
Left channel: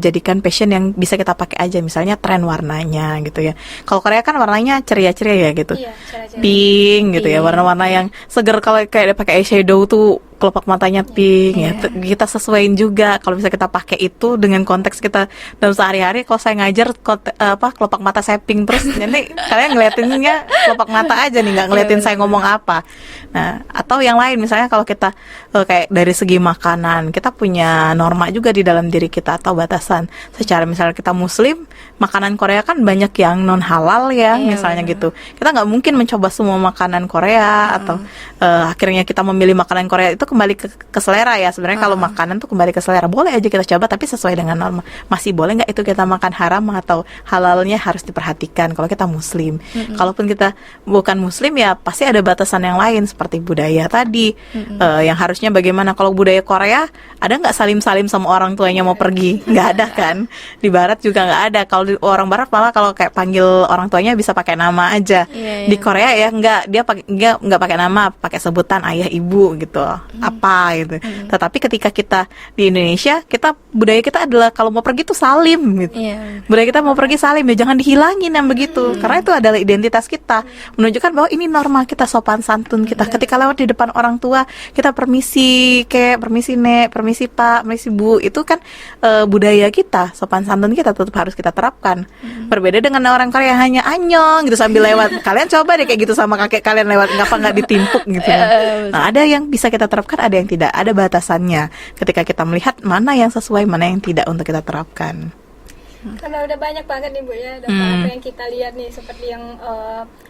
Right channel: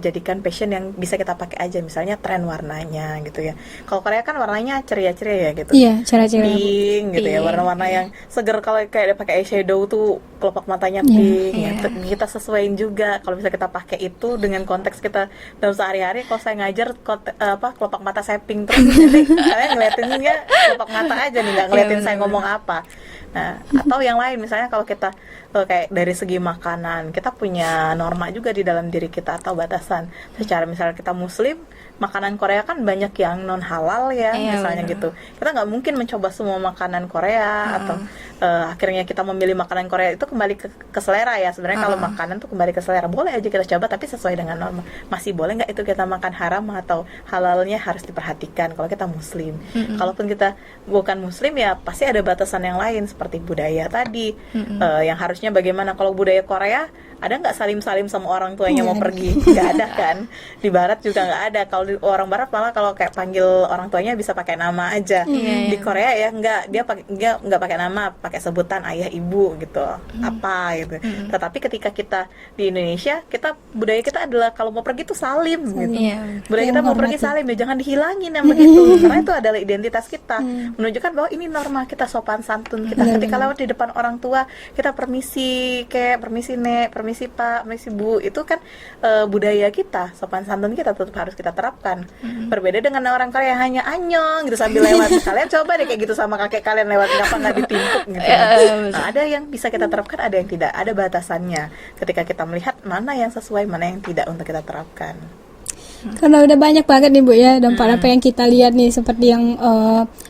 jadikan fashion yang bisa kita pakai aja, misalnya tren warnanya gitu ya. Kalau Korea kan warnanya ceria-ceria ya gitu. Iya, ceria-ceria. Pink gitu ya, warna-warna yang seger. Kalau kayak pakai eyeshadow tuh kelopak matanya pink ya. Kita sesuaiin juga kalau bisa kita pakai itu dengan konteks kita dalam sehari-hari. Kalau saya ngajar kelopak mata saya pink terus, jadi kalian ngeliatinnya kelopak mata aja nih, nggak ngeliatin saya ngomong apa. Nah, atau yang lain misalnya kalau kita kayak dari segi makanan, kita punya norma juga di dalam diri kita atau batasan. Secara misalnya kita muslim, makanan Korea kan banyak yang non halal ya, misalnya gitu. Kita nggak mungkin mencoba semua makanan Korea atau akhirnya kita memilih makanan Korea itu kembali ke selera ya. Sebenarnya kalau makanan tuh kembali ke selera, boleh aja kita coba tapi sesuai dengan norma. Masih boleh nggak itu kita makan haram atau halalnya harus diperhatikan kalau kita muslim. Kalaupun kita bukan muslim ya pasti ada batasan yang lain seperti budaya tadi, yang harusnya bagaimana. Kalau budaya Korea ada nggak salim-salim sama orang tuanya mau pergi? Nggak ada kan. Di barat juga nggak ada. Kalau di orang barat malah kalau kayak panggil orang tuanya bisa pakai nama aja. Di Korea ya nggak, dia nggak pakai nama, pakai sebutan ayah ibu gitu, apa gitu. Tetapi ketika kita di Indonesia, budaya kita adalah kalau mau pergi tuh salim gitu. Budaya kita mau pergi salim ya, jangan dihilangin yang begitu, karena itu adalah identitas kita, menunjukkan bahwa ini norma kita, sopan santun kita. Ketika lewat di depan orang tua kita permisi kek, permisi nek, permisi pak, permisi bu, itu kan budaya kita, sopan santun kita tetap harus kita terapkan. Berbeda dengan orang Korea yang hanya anyong gitu sambil lewat. Kalian coba deh kayak gitu sama kakek kalian lewat, nggak ditimpuk gitu. Nah, ada yang bisa kita terapkan, ada yang tidak, ada batasannya. Ketika kita melihat mana yang sesuai, mana yang tidak untuk kita terapkan. Karena udah banyak banget nih Bu ya dampak apa yang kita lihat nih, seperti yang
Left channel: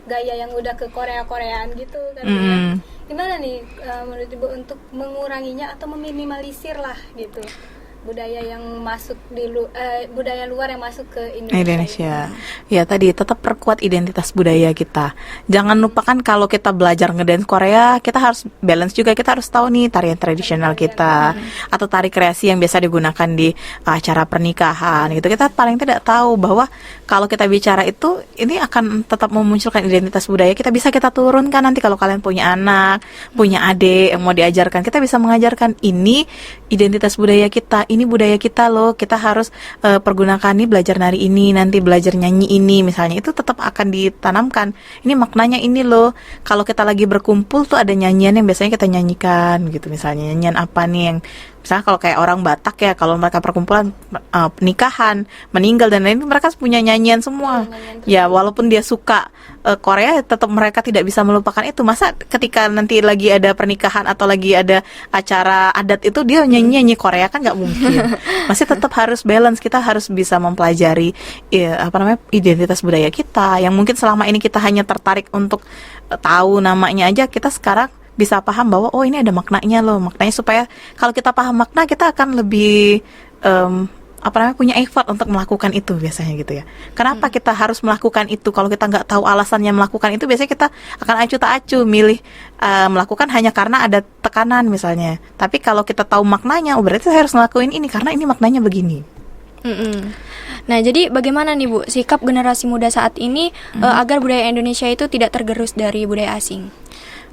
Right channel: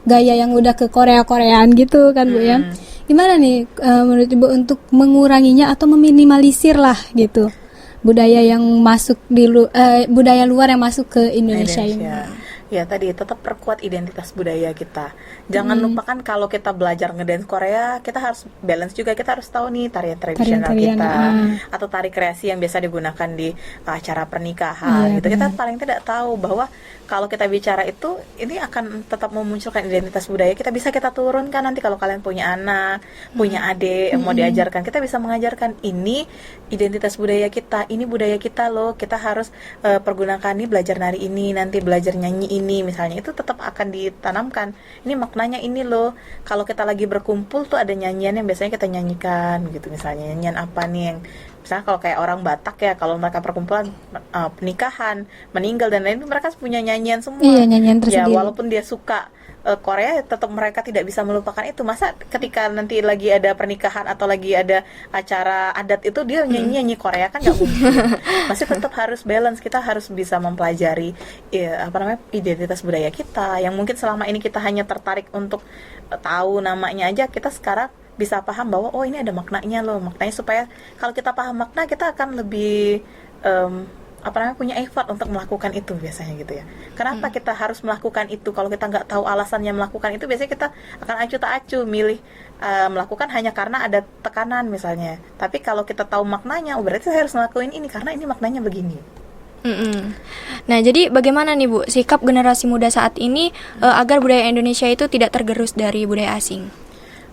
gaya yang udah ke Korea-Koreaan gitu kan Bu ya. Gimana nih menurut Ibu untuk menguranginya atau meminimalisir lah gitu budaya yang masuk budaya luar yang masuk ke Indonesia. Ya tadi tetap perkuat identitas budaya kita. Jangan lupakan kalau kita belajar ngedance Korea, kita harus balance juga. Kita harus tahu nih tarian tradisional kita atau tari kreasi yang biasa digunakan di acara pernikahan gitu. Kita paling tidak tahu bahwa kalau kita bicara itu, ini akan tetap memunculkan identitas budaya kita. Bisa kita turunkan nanti kalau kalian punya anak, punya adik yang mau diajarkan, kita bisa mengajarkan ini identitas budaya kita, ini budaya kita loh, kita harus pergunakan nih, belajar nari ini, nanti belajar nyanyi ini misalnya, itu tetap akan ditanamkan. Ini maknanya ini loh. Kalau kita lagi berkumpul tuh ada nyanyian yang biasanya kita nyanyikan gitu, misalnya nyanyian apa nih yang misalnya kalau kayak orang Batak ya, kalau mereka perkumpulan nikahan, meninggal dan lain, mereka punya nyanyian semua. Nyanyian ya walaupun dia suka Korea, tetap mereka tidak bisa melupakan itu. Masa ketika nanti lagi ada pernikahan atau lagi ada acara adat itu dia nyanyi Korea, kan nggak mungkin. Masih tetap harus balance. Kita harus bisa mempelajari identitas budaya kita yang mungkin selama ini kita hanya tertarik untuk tahu namanya aja. Kita sekarang bisa paham bahwa oh ini ada maknanya loh, maknanya supaya kalau kita paham makna, kita akan lebih punya effort untuk melakukan itu biasanya gitu ya. Kenapa kita harus melakukan itu? Kalau kita nggak tahu alasannya melakukan itu, biasanya kita akan acuh tak acuh milih melakukan hanya karena ada tekanan misalnya. Tapi kalau kita tahu maknanya, oh berarti saya harus ngelakuin ini karena ini maknanya begini. Nah, jadi bagaimana nih Bu sikap generasi muda saat ini agar budaya Indonesia itu tidak tergerus dari budaya asing?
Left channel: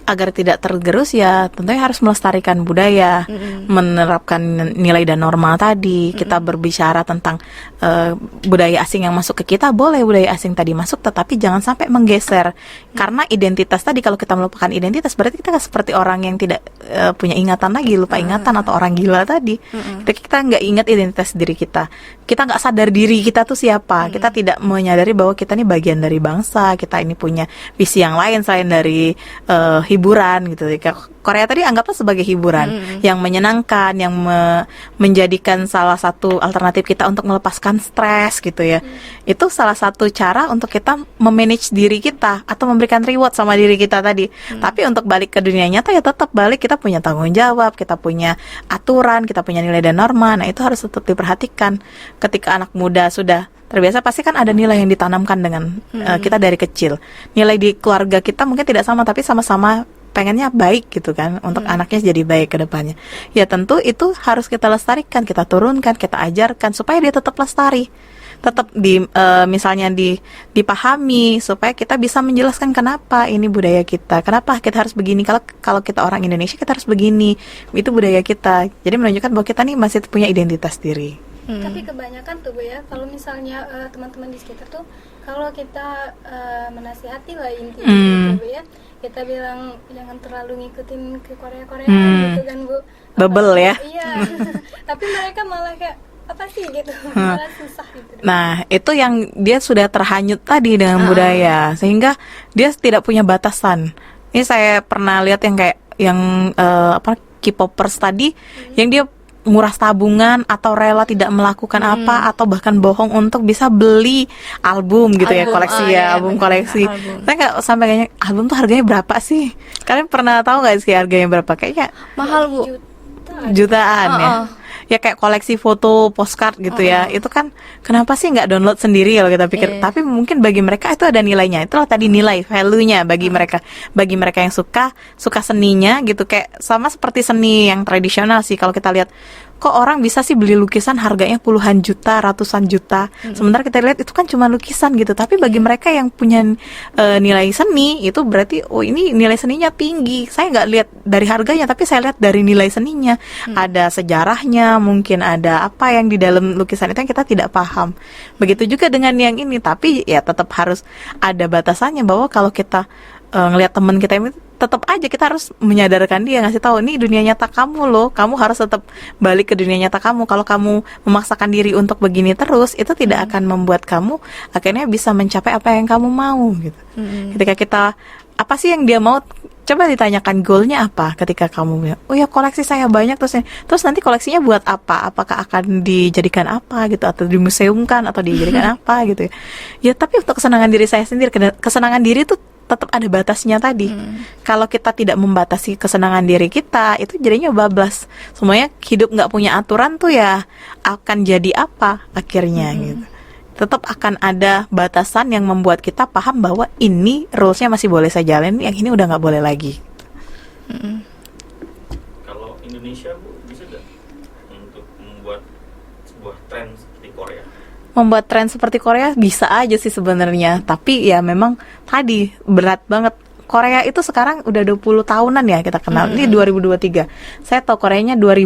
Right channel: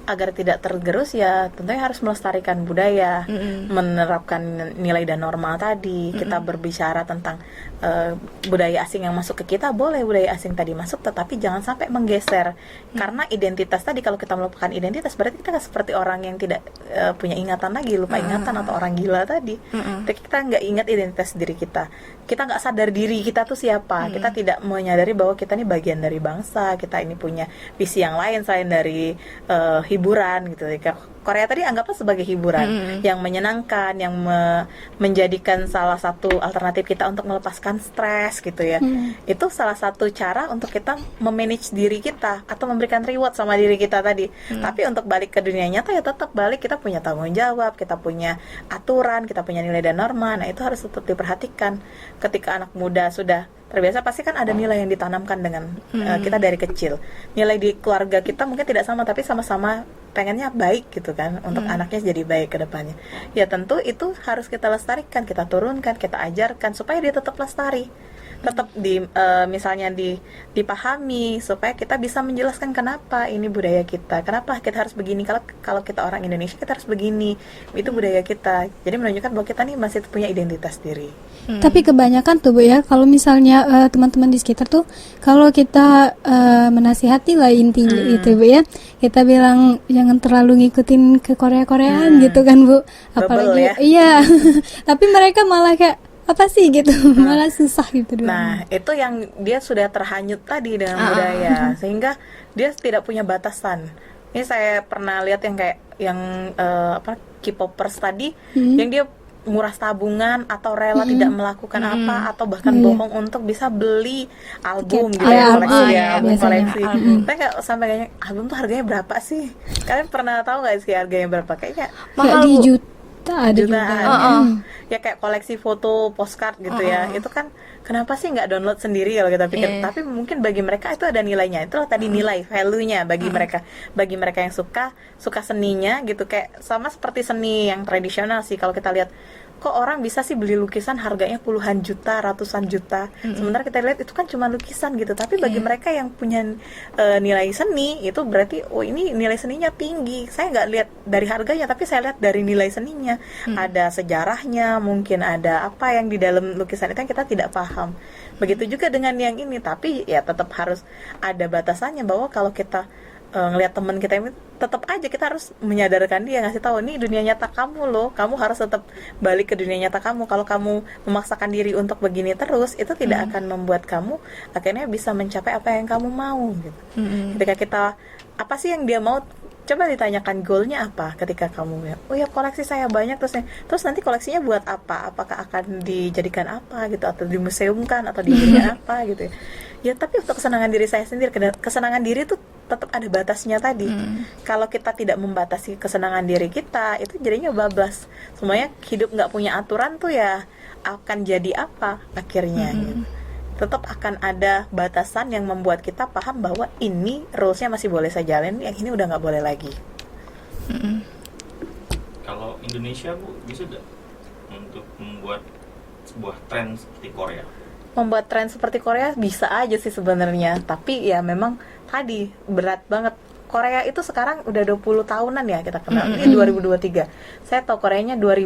Agar tidak tergerus ya tentunya harus melestarikan budaya, menerapkan nilai dan norma tadi. Kita berbicara tentang budaya asing yang masuk ke kita, boleh budaya asing tadi masuk, tetapi jangan sampai menggeser. Karena identitas tadi, kalau kita melupakan identitas berarti kita seperti orang yang tidak punya ingatan lagi, lupa ingatan, atau orang gila tadi. Kita nggak ingat identitas diri kita, kita nggak sadar diri kita tuh siapa. Kita tidak menyadari bahwa kita ini bagian dari bangsa, kita ini punya visi yang lain selain dari hiburan gitu. Korea tadi anggaplah sebagai hiburan yang menyenangkan, yang menjadikan salah satu alternatif kita untuk melepaskan stres gitu ya. Itu salah satu cara untuk kita memanage diri kita atau memberikan reward sama diri kita tadi. Tapi untuk balik ke dunia nyata ya tetap balik, kita punya tanggung jawab, kita punya aturan, kita punya nilai dan norma. Nah itu harus tetap diperhatikan. Ketika anak muda sudah terbiasa, pasti kan ada nilai yang ditanamkan dengan kita dari kecil. Nilai di keluarga kita mungkin tidak sama, tapi sama-sama pengennya baik gitu kan, untuk anaknya jadi baik ke depannya. Ya tentu itu harus kita lestarikan, kita turunkan, kita ajarkan supaya dia tetap lestari, tetap misalnya dipahami, supaya kita bisa menjelaskan kenapa ini budaya kita, kenapa kita harus begini, kalau kita orang Indonesia kita harus begini, itu budaya kita. Jadi menunjukkan bahwa kita nih masih punya identitas diri. Tapi kebanyakan tuh Bu ya, kalau misalnya teman-teman di sekitar tuh, kalau kita menasihati lah intinya gitu Bu ya, kita bilang jangan terlalu ngikutin ke Korea-Koreaan gitu kan Bu. Bebel ya. Iya. Tapi mereka malah kayak apa sih gitu, malah susah gitu. Nah itu yang dia sudah terhanyut tadi dengan budaya, sehingga dia tidak punya batasan. Ini saya pernah lihat yang kayak K-popers tadi, yang dia nguras tabungan atau rela tidak melakukan apa, atau bahkan bohong untuk bisa beli album gitu ya, koleksi album koleksi. Saya kayak sampai kayaknya album tuh harganya berapa sih? Kalian pernah tahu nggak sih harganya berapa? Kayaknya mahal Bu. Jutaan ya kayak koleksi foto postcard gitu ya. Itu kan kenapa sih nggak download sendiri kalau kita pikir. Tapi mungkin bagi mereka itu ada nilainya. Itulah tadi nilai value-nya bagi mereka yang suka seninya gitu. Kayak sama seperti seni yang tradisional sih, kalau kita lihat kok orang bisa sih beli lukisan harganya puluhan juta, ratusan juta. Sementara kita lihat itu kan cuma lukisan gitu. Tapi bagi mereka yang punya nilai seni, itu berarti oh ini nilai seninya tinggi. Saya nggak lihat dari harganya, tapi saya lihat dari nilai seninya. Ada sejarahnya, mungkin ada apa yang di dalam lukisan itu yang kita tidak paham. Begitu juga dengan yang ini. Tapi ya tetap harus ada batasannya, bahwa kalau kita ngelihat teman kita ini, tetap aja kita harus menyadarkan dia, ngasih tahu ini dunia nyata kamu loh, kamu harus tetap balik ke dunia nyata kamu. Kalau kamu memaksakan diri untuk begini terus, itu tidak akan membuat kamu akhirnya bisa mencapai apa yang kamu mau gitu. Ketika kita apa sih yang dia mau, coba ditanyakan goalnya apa. Ketika kamu bilang, oh ya koleksi saya banyak, terus nanti koleksinya buat apa? Apakah akan dijadikan apa gitu, atau dimuseumkan, atau dijadikan apa gitu ya. Tapi untuk kesenangan diri saya sendiri, kesenangan diri itu tetap ada batasnya tadi. Kalau kita tidak membatasi kesenangan diri kita, itu jadinya bablas. Semuanya hidup nggak punya aturan tuh ya akan jadi apa akhirnya gitu. Tetap akan ada batasan yang membuat kita paham bahwa ini rulesnya masih boleh saya jalanin, yang ini udah nggak boleh lagi. Kalau Indonesia Bu, bisa nggak untuk membuat sebuah tren seperti Korea? Membuat tren seperti Korea bisa aja sih sebenarnya, tapi ya memang tadi berat banget. Korea itu sekarang udah 20 tahunan ya kita kenal. Ini 2023. Saya tahu Koreanya 2000,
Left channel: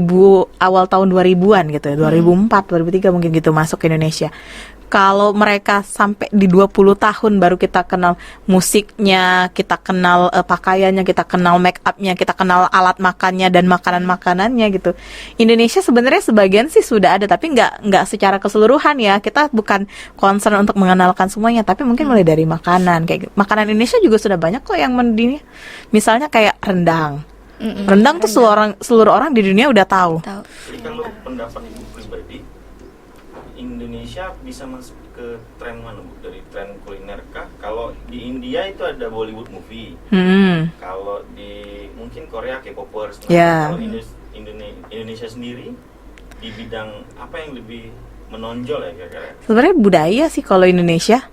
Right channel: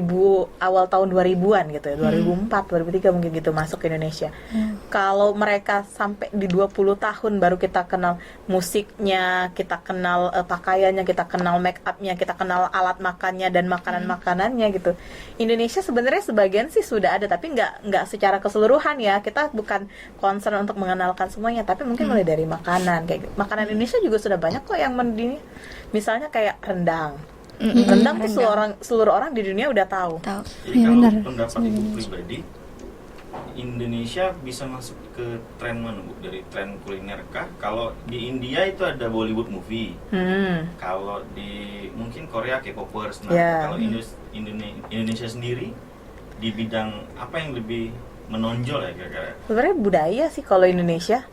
awal tahun 2000-an gitu ya. 2004, 2003 mungkin gitu masuk ke Indonesia. Kalau mereka sampai di 20 tahun baru kita kenal musiknya, kita kenal pakaiannya, kita kenal make up-nya, kita kenal alat makannya dan makanan-makanannya gitu. Indonesia sebenarnya sebagian sih sudah ada, tapi nggak secara keseluruhan ya. Kita bukan concern untuk mengenalkan semuanya, tapi mungkin mulai dari makanan. Kayak makanan Indonesia juga sudah banyak kok yang mendini, misalnya kayak rendang. Rendang tuh seluruh orang di dunia udah tahu. Jadi kalau pendapat Ibu pribadi, Indonesia bisa masuk ke tren mana Bu? Dari tren kuliner kah? Kalau di India itu ada Bollywood movie. Kalau di mungkin Korea K-popers. Nah, kalau Indonesia sendiri di bidang apa yang lebih menonjol ya kira-kira? Sebenarnya budaya sih kalau Indonesia.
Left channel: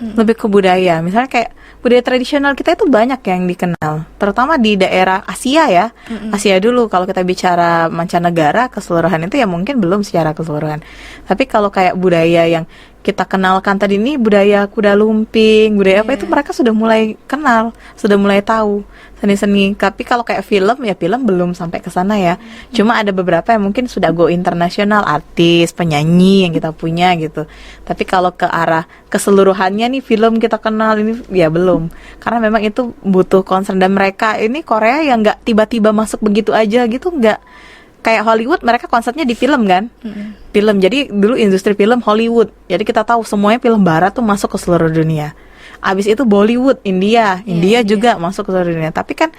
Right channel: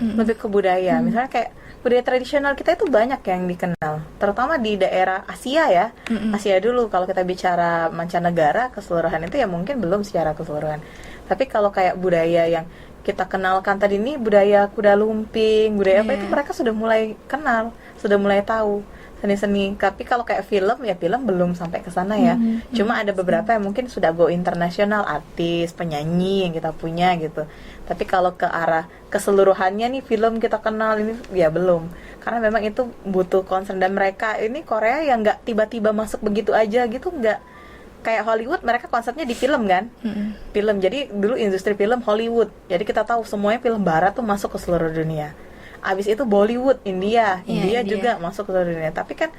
Lebih ke budaya. Misalnya kayak budaya tradisional kita itu banyak yang dikenal, terutama di daerah Asia ya. Asia dulu, kalau kita bicara mancanegara keseluruhan itu ya mungkin belum secara keseluruhan. Tapi kalau kayak budaya yang kita kenalkan tadi ini, budaya kuda lumping, budaya apa itu mereka sudah mulai kenal, sudah mulai tahu seni-seni. Tapi kalau kayak film ya film belum sampai ke sana ya. Cuma ada beberapa yang mungkin sudah go internasional, artis, penyanyi yang kita punya gitu. Tapi kalau ke arah keseluruhannya nih film kita kenal ini ya belum. Karena memang itu butuh concern, dan mereka ini Korea yang nggak tiba-tiba masuk begitu aja gitu, nggak. Kayak Hollywood, mereka konsepnya di film kan, film. Jadi dulu industri film Hollywood. Jadi kita tahu semuanya film barat tuh masuk ke seluruh dunia. abis itu Bollywood, India India. juga masuk ke seluruh dunia. Tapi kan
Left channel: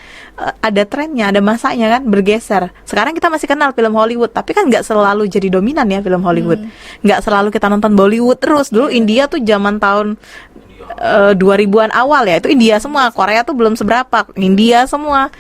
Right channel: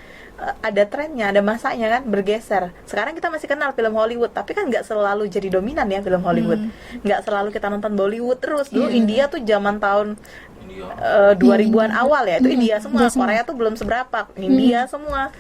ada trennya, ada masanya kan bergeser. Sekarang kita masih kenal film Hollywood, tapi kan nggak selalu jadi dominan ya film Hollywood. Nggak selalu kita nonton Bollywood terus. Dulu India tuh zaman tahun 2000-an awal ya, itu India semua. Korea tuh belum seberapa, India semua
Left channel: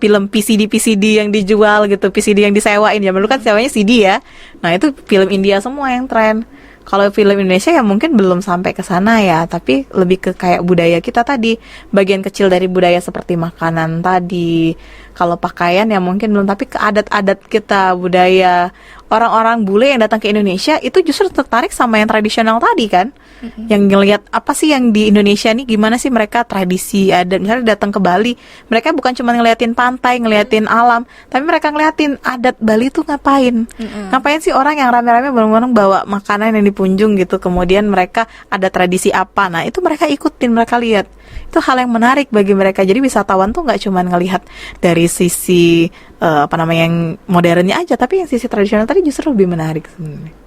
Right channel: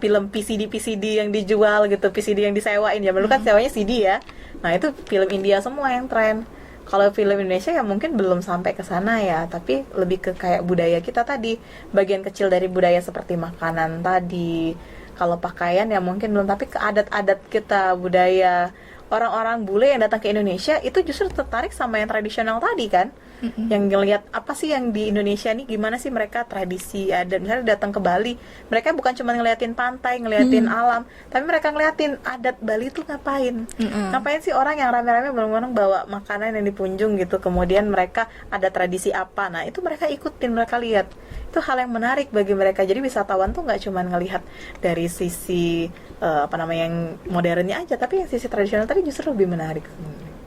film PCD yang dijual gitu, PCD yang disewain. Zaman dulu kan sewanya CD ya. Nah itu film India semua yang tren. Kalau film Indonesia ya mungkin belum sampai ke sana ya, tapi lebih ke kayak budaya kita tadi, bagian kecil dari budaya seperti makanan tadi. Kalau pakaian ya mungkin belum, tapi ke adat-adat kita, budaya orang-orang bule yang datang ke Indonesia itu justru tertarik sama yang tradisional tadi kan. Yang ngelihat apa sih yang di Indonesia nih, gimana sih mereka tradisi adat. Misalnya datang ke Bali, mereka bukan cuma ngeliatin pantai, ngeliatin alam, tapi mereka ngeliatin adat Bali tuh ngapain. Ngapain sih orang yang rame-rame bareng-bareng bawa makanan yang dipunjung gitu, kemudian mereka ada tradisi apa. Nah itu mereka ikutin, mereka lihat. Itu hal yang menarik bagi mereka. Jadi wisatawan tuh nggak cuma ngelihat dari sisi yang modernnya aja, tapi yang sisi tradisional tadi justru lebih menarik sebenarnya.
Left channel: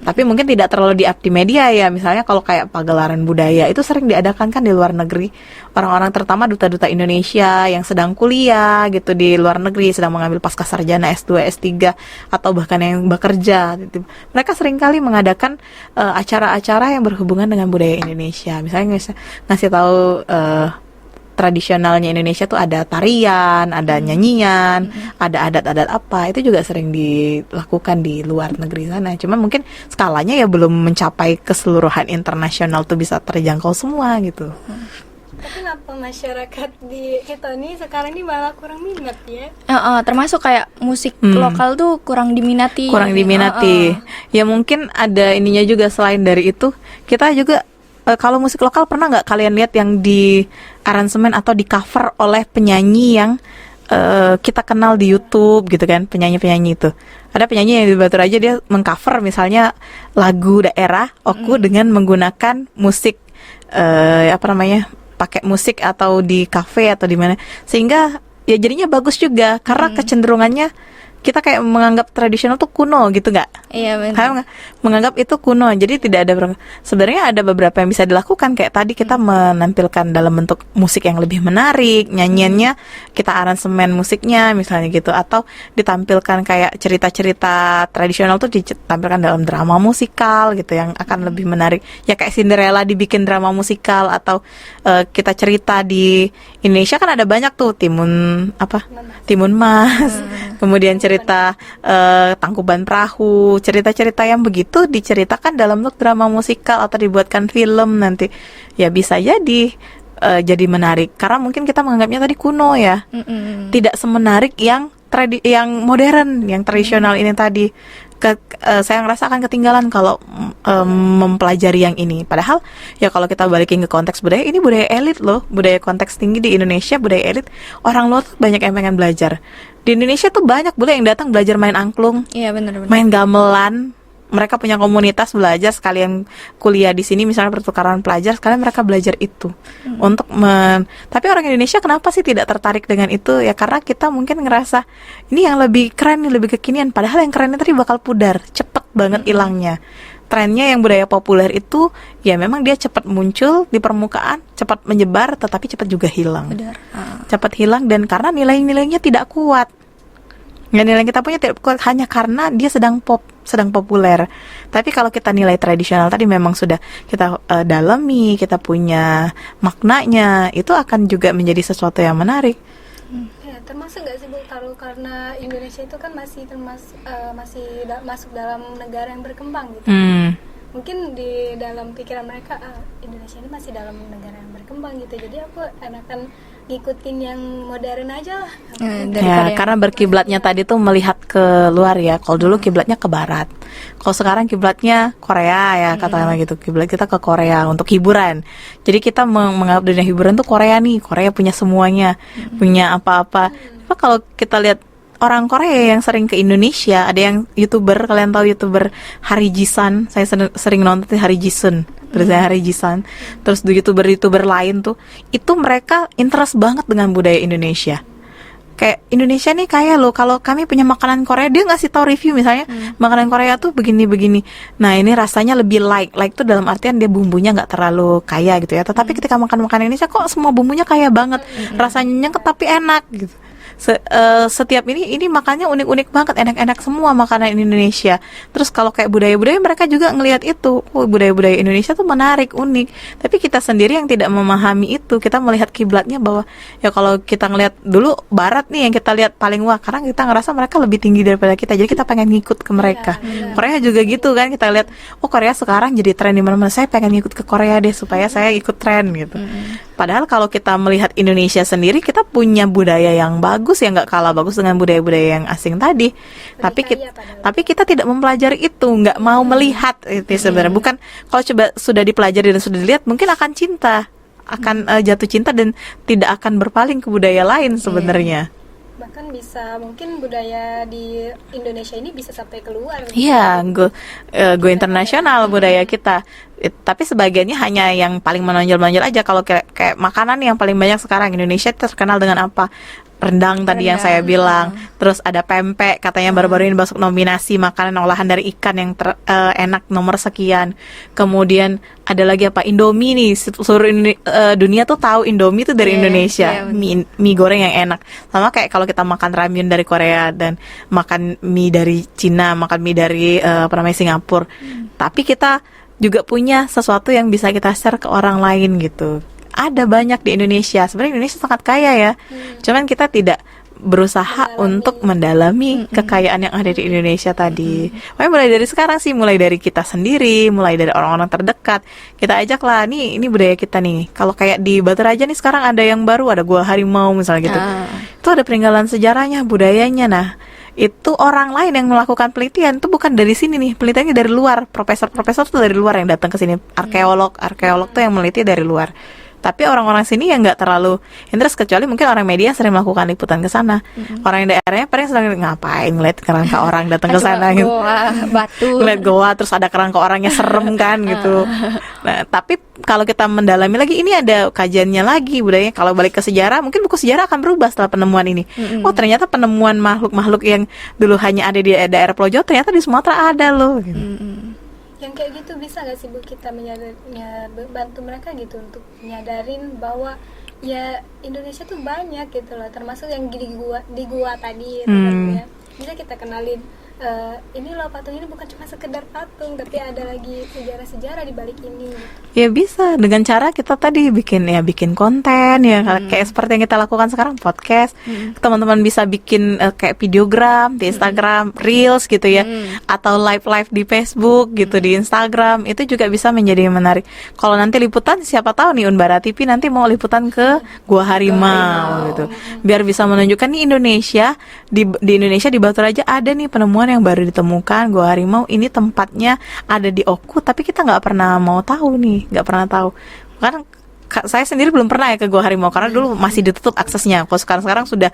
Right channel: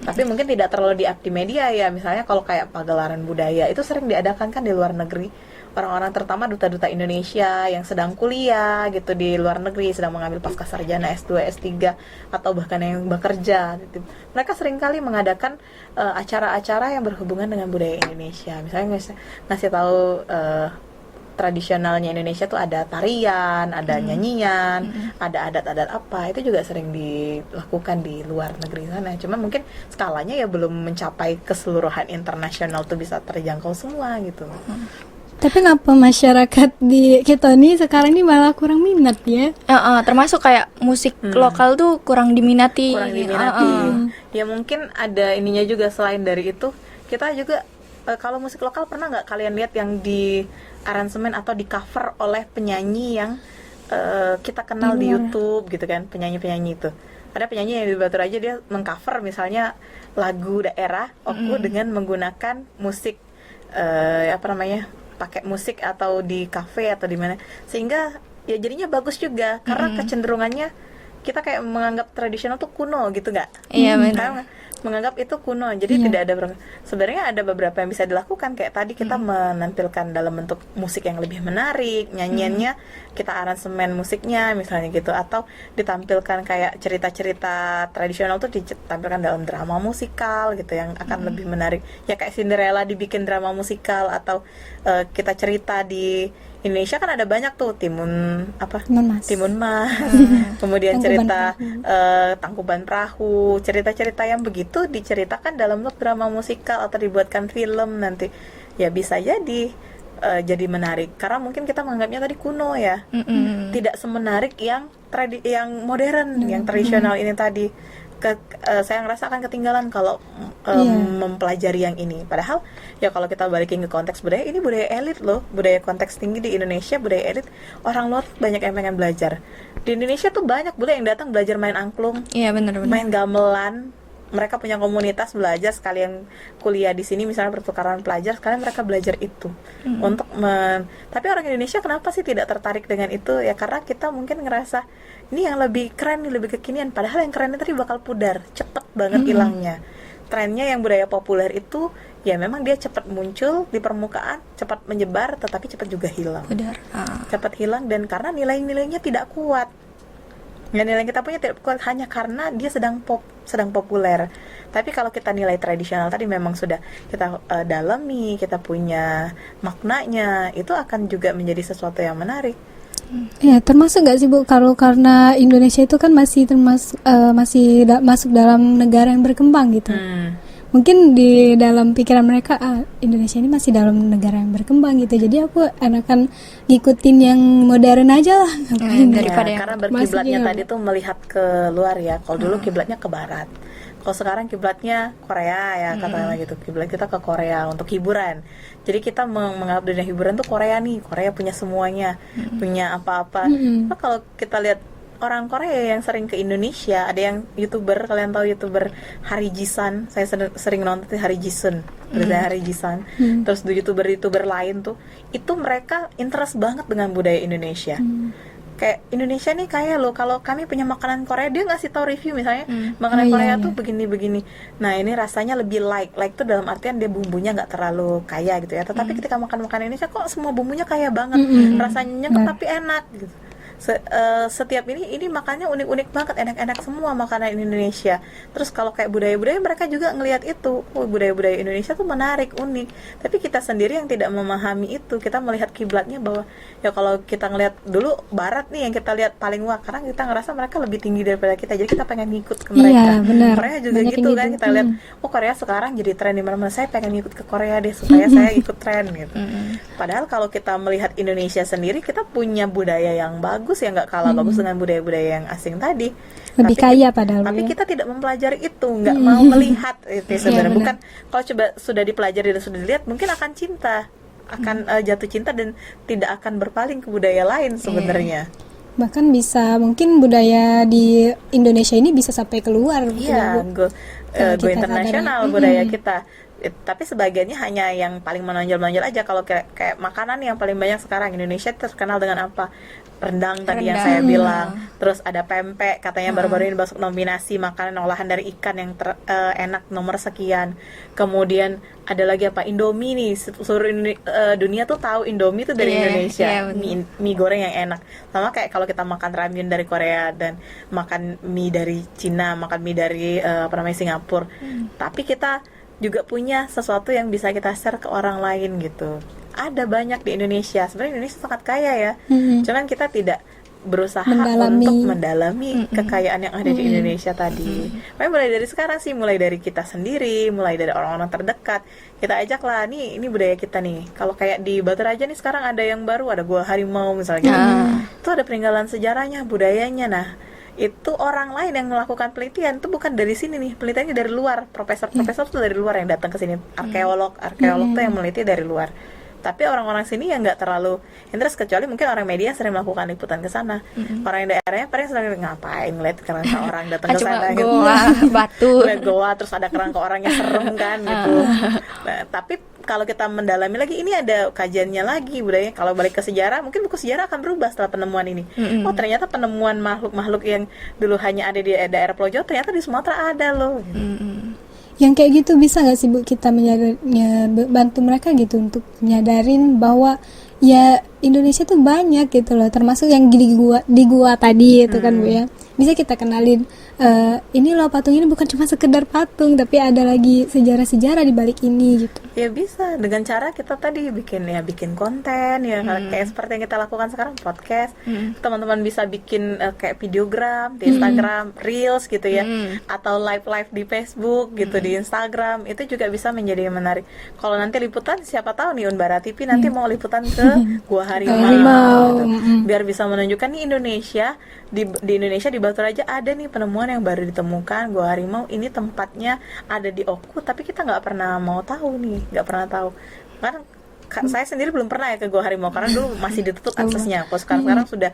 Tapi mungkin tidak terlalu di-up di media ya. Misalnya kalau kayak pagelaran budaya itu sering diadakan kan di luar negeri. Orang-orang terutama duta-duta Indonesia yang sedang kuliah gitu di luar negeri, sedang mengambil pascasarjana S2, S3 atau bahkan yang bekerja gitu. Mereka seringkali mengadakan acara-acara yang berhubungan dengan budaya Indonesia. Misalnya ngasih tahu tradisionalnya Indonesia tuh ada tarian, ada nyanyian, ada adat-adat apa, itu juga sering dilakukan di luar negeri sana. Cuma mungkin skalanya ya belum mencapai keseluruhan internasional tuh bisa terjangkau semua gitu. Tapi ngapa masyarakat di kita nih sekarang ini malah kurang minat ya? Termasuk kayak musik lokal tuh kurang diminati. Ya mungkin ada ininya juga. Selain dari itu, kita juga kalau musik lokal pernah nggak kalian lihat yang di aransemen atau di cover oleh penyanyi yang kita kenal di YouTube gitu kan, penyanyi-penyanyi itu. Ada penyanyi yang di Batu Raja, dia mengcover misalnya lagu daerah Oku dengan menggunakan musik pakai musik atau di kafe atau di mana, sehingga ya jadinya bagus juga karena kecenderungannya kita kayak menganggap tradisional tuh kuno gitu nggak? Iya benar. Menganggap itu kuno, jadi tidak ada sebenarnya ada beberapa yang bisa dilakukan, kayak tadi kita menampilkan dalam bentuk musik yang lebih menarik, nyanyiannya kita aransemen musiknya misalnya gitu, atau ditampilkan kayak cerita-cerita tradisional tuh ditampilkan dalam drama musikal gitu yang akan lebih menarik. Ya kayak Cinderella dibikin drama musikal, atau kita cerita di Indonesia kan ada banyak tuh Timun Mas, kemudian cerita Tangkuban Perahu, cerita-cerita yang begitu diceritakan dalam bentuk drama musikal atau dibuatkan film nanti, ya bisa jadi jadi menarik karena mungkin kita menganggapnya tadi kuno ya, tidak semenarik yang modern, yang tradisional ini tadi. Saya ngerasa akan ketinggalan kalau mempelajari yang ini. Padahal ya kalau kita balikin ke konteks budaya, ini budaya elit loh, budaya konteks tinggi di Indonesia, budaya elit. Orang luar tuh banyak yang pengen belajar. Di Indonesia tuh banyak bule yang datang belajar main angklung, Benar. main gamelan. Mereka punya komunitas belajar, sekalian kuliah di sini misalnya pertukaran pelajar, sekalian mereka belajar itu tapi orang Indonesia kenapa sih tidak tertarik dengan itu? Ya karena kita mungkin ngerasa ini yang lebih keren, lebih kekinian, padahal yang kerennya tadi bakal pudar, cepet banget hilangnya. Trennya yang budaya populer itu ya memang dia cepat muncul di permukaan, cepat menyebar, tetapi cepat juga hilang. Benar. Cepat hilang, dan karena nilai-nilainya tidak kuat. Nilai kita punya tidak kuat hanya karena dia sedang populer. Tapi kalau kita nilai tradisional tadi memang sudah kita dalami, kita punya maknanya, itu akan juga menjadi sesuatu yang menarik. Ya, termasuk nggak sih Bu, kalau karena Indonesia itu kan masih masuk dalam negara yang berkembang gitu. Mungkin di dalam pikiran mereka Indonesia ini masih dalam negara yang berkembang gitu, jadi aku enakan ngikutin yang modern aja lah. Daripada Karena berkiblatnya tadi tuh melihat ke luar ya. Kalau dulu kiblatnya ke barat, kalau sekarang kiblatnya Korea ya, katakanlah gitu. Kiblat kita ke Korea untuk hiburan. Jadi kita menganggap dunia hiburan tuh Korea nih, Korea punya semuanya, punya apa-apa. Kalau kita lihat orang Korea yang sering ke Indonesia, ada yang YouTuber, kalian tahu YouTuber Hari Jisan, saya sering nonton Hari Jisun, tulisannya Hari Jisan. Terus YouTuber lain tuh, itu mereka interest banget dengan budaya Indonesia. kayak Indonesia nih kaya loh, kalau kami punya makanan Korea, dia ngasih tahu review misalnya makanan Korea tuh begini-begini. Nah ini rasanya lebih light tuh dalam artian dia bumbunya nggak terlalu kaya gitu ya. Tetapi ketika makan makanan Indonesia kok semua bumbunya kaya banget, rasanya nyengat tapi enak gitu. Setiap ini makannya unik-unik banget, enak-enak semua makanan Indonesia. Terus kalau kayak budaya-budaya, mereka juga ngelihat itu, budaya-budaya Indonesia tuh menarik, unik. Tapi kita sendiri yang tidak memahami itu, kita melihat kiblatnya bahwa ya kalau kita ngelihat dulu Barat nih yang kita lihat paling wah, karena kita ngerasa mereka lebih tinggi daripada kita, jadi kita pengen ngikut ke mereka. Korea juga gitu kan, kita lihat Korea sekarang jadi tren di mana-mana, saya pengen ngikut ke Korea deh supaya saya ikut tren gitu. Padahal kalau kita melihat Indonesia sendiri, kita punya budaya yang bagus, yang nggak kalah bagus dengan budaya-budaya yang asing tadi. Lebih kaya padahal, tapi kita tidak mempelajari itu, nggak mau melihat itu sebenarnya. Bukan kalau coba sudah dipelajari dan sudah dilihat, mungkin akan cinta, akan jatuh cinta dan tidak akan berpaling ke budaya lain sebenarnya. Bahkan bisa mungkin budaya di Indonesia ini bisa sampai keluar. Iya, go internasional budaya kita. Tapi sebagiannya hanya yang paling menonjol-menonjol aja. Kalau kayak makanan yang paling banyak sekarang Indonesia terkenal dengan apa? Rendang tadi yang saya bilang. Terus ada pempek, katanya baru-baru ini masuk nominasi makanan olahan dari ikan yang enak nomor sekian. Kemudian ada lagi apa? Indomie nih, seluruh dunia tuh tahu Indomie tuh dari Indonesia. Mie goreng yang enak. Sama kayak kalau kita makan ramyun dari Korea dan makan mie dari Cina, makan mie dari Singapura. Tapi kita juga punya sesuatu yang bisa kita share ke orang lain gitu. Ada banyak di Indonesia. Sebenarnya Indonesia sangat kaya ya. Cuman kita tidak berusaha untuk mendalami kekayaan yang ada di Indonesia tadi. Makanya mulai dari sekarang sih, mulai dari kita sendiri, mulai dari orang-orang terdekat, kita ajaklah, ini budaya kita nih. Kalau kayak di Batu Raja nih sekarang ada yang baru, ada Gua Harimau misalnya gitu. Itu ada peninggalan sejarahnya, budayanya. Nah, itu orang lain yang melakukan penelitian, itu bukan dari sini nih, penelitiannya dari luar, profesor tuh dari luar yang datang ke sini, arkeolog tuh yang meneliti dari luar. Tapi orang-orang sini yang nggak terlalu interest, kecuali mungkin orang media sering melakukan liputan ke sana. Orang yang daerahnya paling sering ngapain ngeliat kerangka orang datang ke sana gitu. Batu. Ngeliat goa terus ada kerangka orangnya serem kan gitu. Nah, tapi kalau kita mendalami lagi, ini ada kajiannya lagi budayanya. Kalau balik ke sejarah, mungkin buku sejarah akan berubah setelah penemuan ini. Oh, ternyata penemuan makhluk-makhluk yang dulu hanya ada di daerah Pulau Jawa, ternyata di Sumatera ada loh gitu. Yang kayak gitu bisa nggak sih Bu kita bantu mereka gitu untuk nyadarin bahwa ya Indonesia tuh banyak gitu loh, termasuk yang di gua tadi itu kan Bu ya. Bisa kita kenalin ini loh, patung ini bukan cuma sekedar patung, tapi ada lagi sejarah-sejarah di balik ini gitu. Ya bisa dengan cara kita tadi bikin konten ya, kayak seperti yang kita lakukan sekarang, podcast. Teman-teman bisa bikin kayak videogram di Instagram, Reels gitu ya, atau live di Facebook gitu, di Instagram. Itu juga bisa menjadi menarik. Kalau nanti liputan, siapa tahu nih Unbara TV nanti mau liputan ke Gua Harimau gitu. Biar bisa menunjukkan nih Indonesia, di Indonesia di Batu Raja ada nih penemuan yang baru ditemukan, Gua Harimau ini tempatnya ada di Oku, tapi kita nggak pernah mau tahu nih, nggak pernah tahu. Kan saya sendiri belum pernah ya ke Gua Harimau karena dulu masih ditutup aksesnya. Kalau sekarang sudah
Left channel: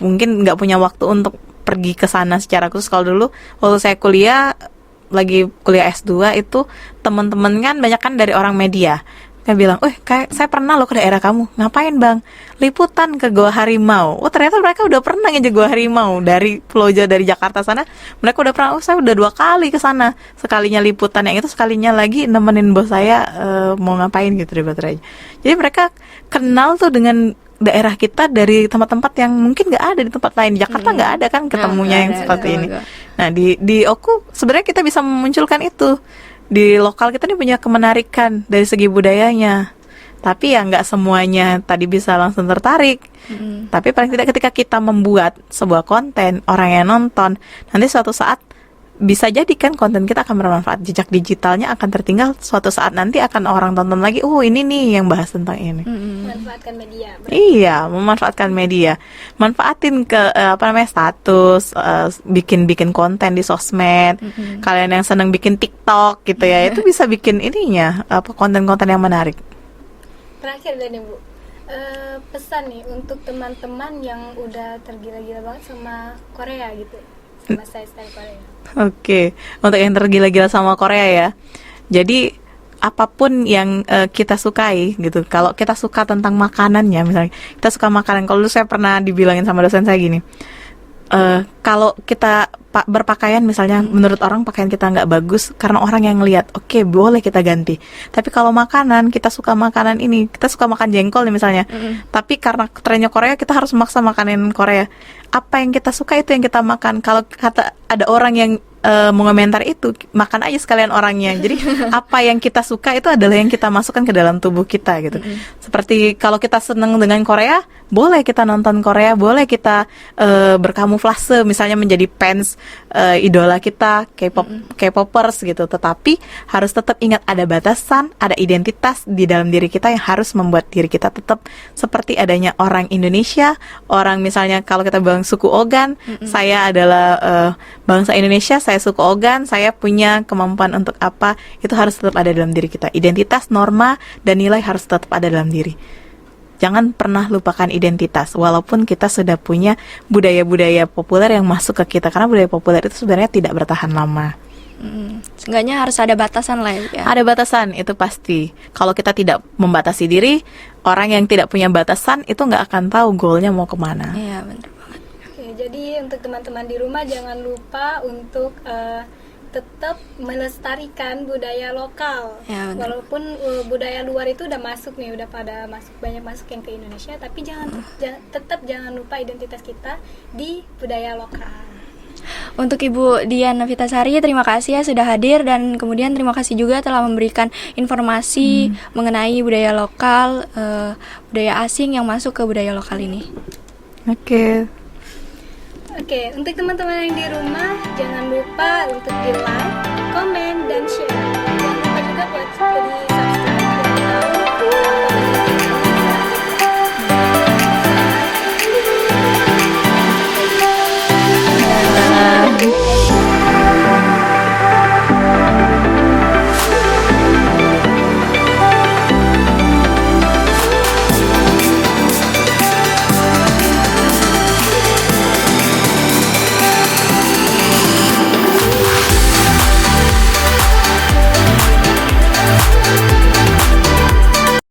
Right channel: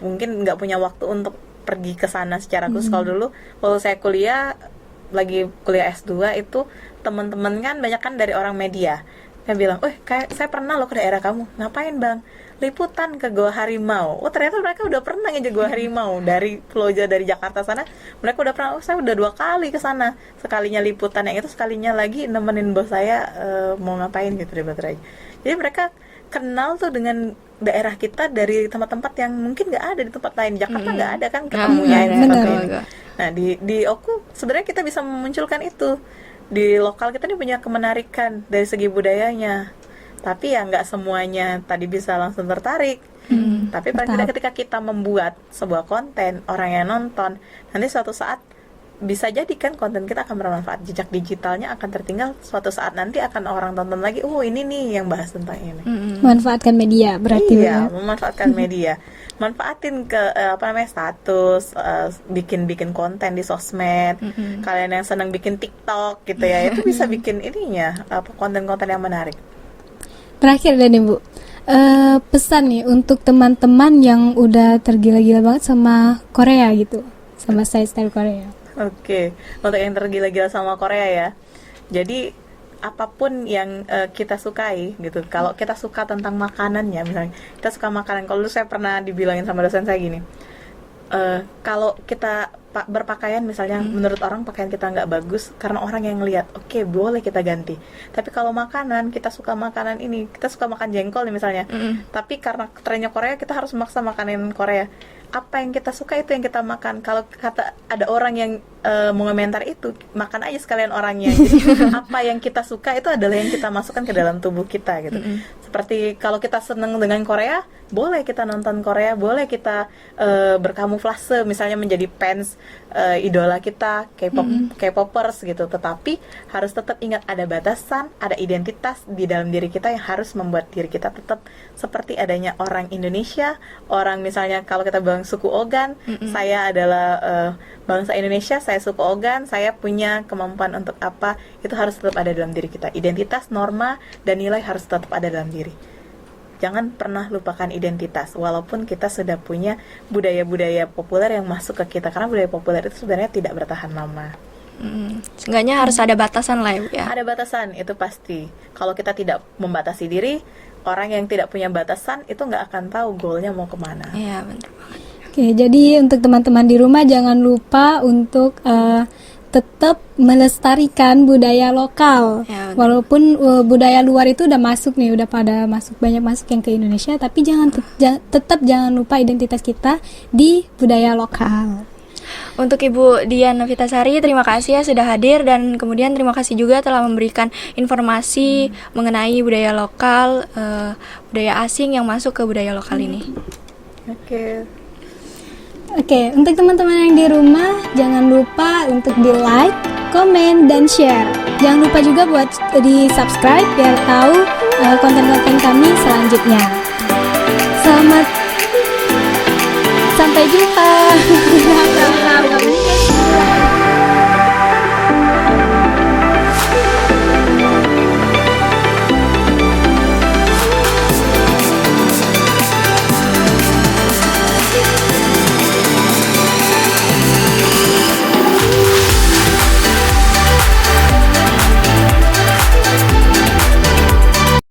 mungkin nggak punya waktu untuk pergi ke sana secara khusus. Kalau dulu waktu saya lagi kuliah S2 itu teman-teman kan banyak kan dari orang media. Saya bilang, kayak saya pernah loh ke daerah kamu. Ngapain bang? Liputan ke Gua Harimau. Oh ternyata mereka udah pernah ngejek Gua Harimau dari Pulau Jawa, dari Jakarta sana. Mereka udah pernah. Saya udah 2 kali ke sana. Sekalinya liputan yang itu, sekalinya lagi nemenin bos saya mau ngapain gitu di Batu Raja. Jadi mereka kenal tuh dengan daerah kita dari tempat-tempat yang mungkin nggak ada di tempat lain. Di Jakarta nggak ada kan ketemunya yang seperti ini. Nah di Oku sebenarnya kita bisa memunculkan itu. Di lokal kita nih punya kemenarikan dari segi budayanya, tapi ya nggak semuanya tadi bisa langsung tertarik. Tapi paling tidak ketika kita membuat sebuah konten, orang yang nonton, nanti suatu saat bisa jadi kan konten kita akan bermanfaat, jejak digitalnya akan tertinggal, suatu saat nanti akan orang tonton lagi, ini nih yang bahas tentang ini. Memanfaatkan media berarti. Iya, memanfaatkan media. Manfaatin ke status, bikin konten di sosmed. Kalian yang senang bikin TikTok gitu ya, itu bisa bikin ininya konten-konten yang menarik. Terakhir deh nih Bu, pesan nih untuk teman-teman yang udah tergila-gila banget sama Korea gitu, sama style Korea. Oke, untuk yang tergila-gila sama Korea ya. Jadi apapun yang kita sukai gitu. Kalau kita suka tentang makanannya, misalnya kita suka makanan. Kalau dulu saya pernah dibilangin sama dosen saya gini, kalau kita berpakaian misalnya, menurut orang pakaian kita nggak bagus karena orang yang ngelihat, oke, boleh kita ganti. Tapi kalau makanan, kita suka makanan ini, kita suka makan jengkol nih misalnya, tapi karena trennya Korea kita harus memaksa makanan Korea. Apa yang kita suka itu yang kita makan. Kalau kata ada orang yang mengomentar itu, makan aja sekalian orangnya. Jadi apa yang kita suka itu adalah yang kita masukkan ke dalam tubuh kita gitu. Seperti kalau kita seneng dengan Korea, boleh kita nonton Korea, boleh kita berkamuflase misalnya menjadi fans idola kita, K-popers gitu. Tetapi harus tetap ingat ada batasan, ada identitas di dalam diri kita yang harus membuat diri kita tetap seperti adanya orang Indonesia, orang misalnya kalau kita bilang suku Ogan, saya adalah bangsa Indonesia, saya suku Ogan, saya punya kemampuan untuk apa, itu harus tetap ada dalam diri kita. Identitas, norma, dan nilai harus tetap ada dalam diri. Jangan pernah lupakan identitas, walaupun kita sudah punya budaya-budaya populer yang masuk ke kita, karena budaya populer itu sebenarnya tidak bertahan lama. Seenggaknya harus ada batasan lah ya. Ada batasan, itu pasti. Kalau kita tidak membatasi diri, orang yang tidak punya batasan itu nggak akan tahu goalnya mau kemana. Iya, benar banget. Oke, jadi untuk teman-teman di rumah jangan lupa untuk tetap melestarikan budaya lokal. Ya, benar. Walaupun budaya luar itu udah masuk nih, udah pada masuk, banyak masuk yang ke Indonesia, tapi tetap jangan lupa identitas kita di budaya lokal. Untuk Ibu Dian Novitasari, terima kasih ya sudah hadir, dan kemudian terima kasih juga telah memberikan informasi mengenai budaya lokal, budaya asing yang masuk ke budaya lokal ini. Oke, untuk teman-teman yang di rumah, jangan lupa untuk di like, komen, dan share. Jangan lupa juga buat di subscribe biar tahu konten-konten kami selanjutnya.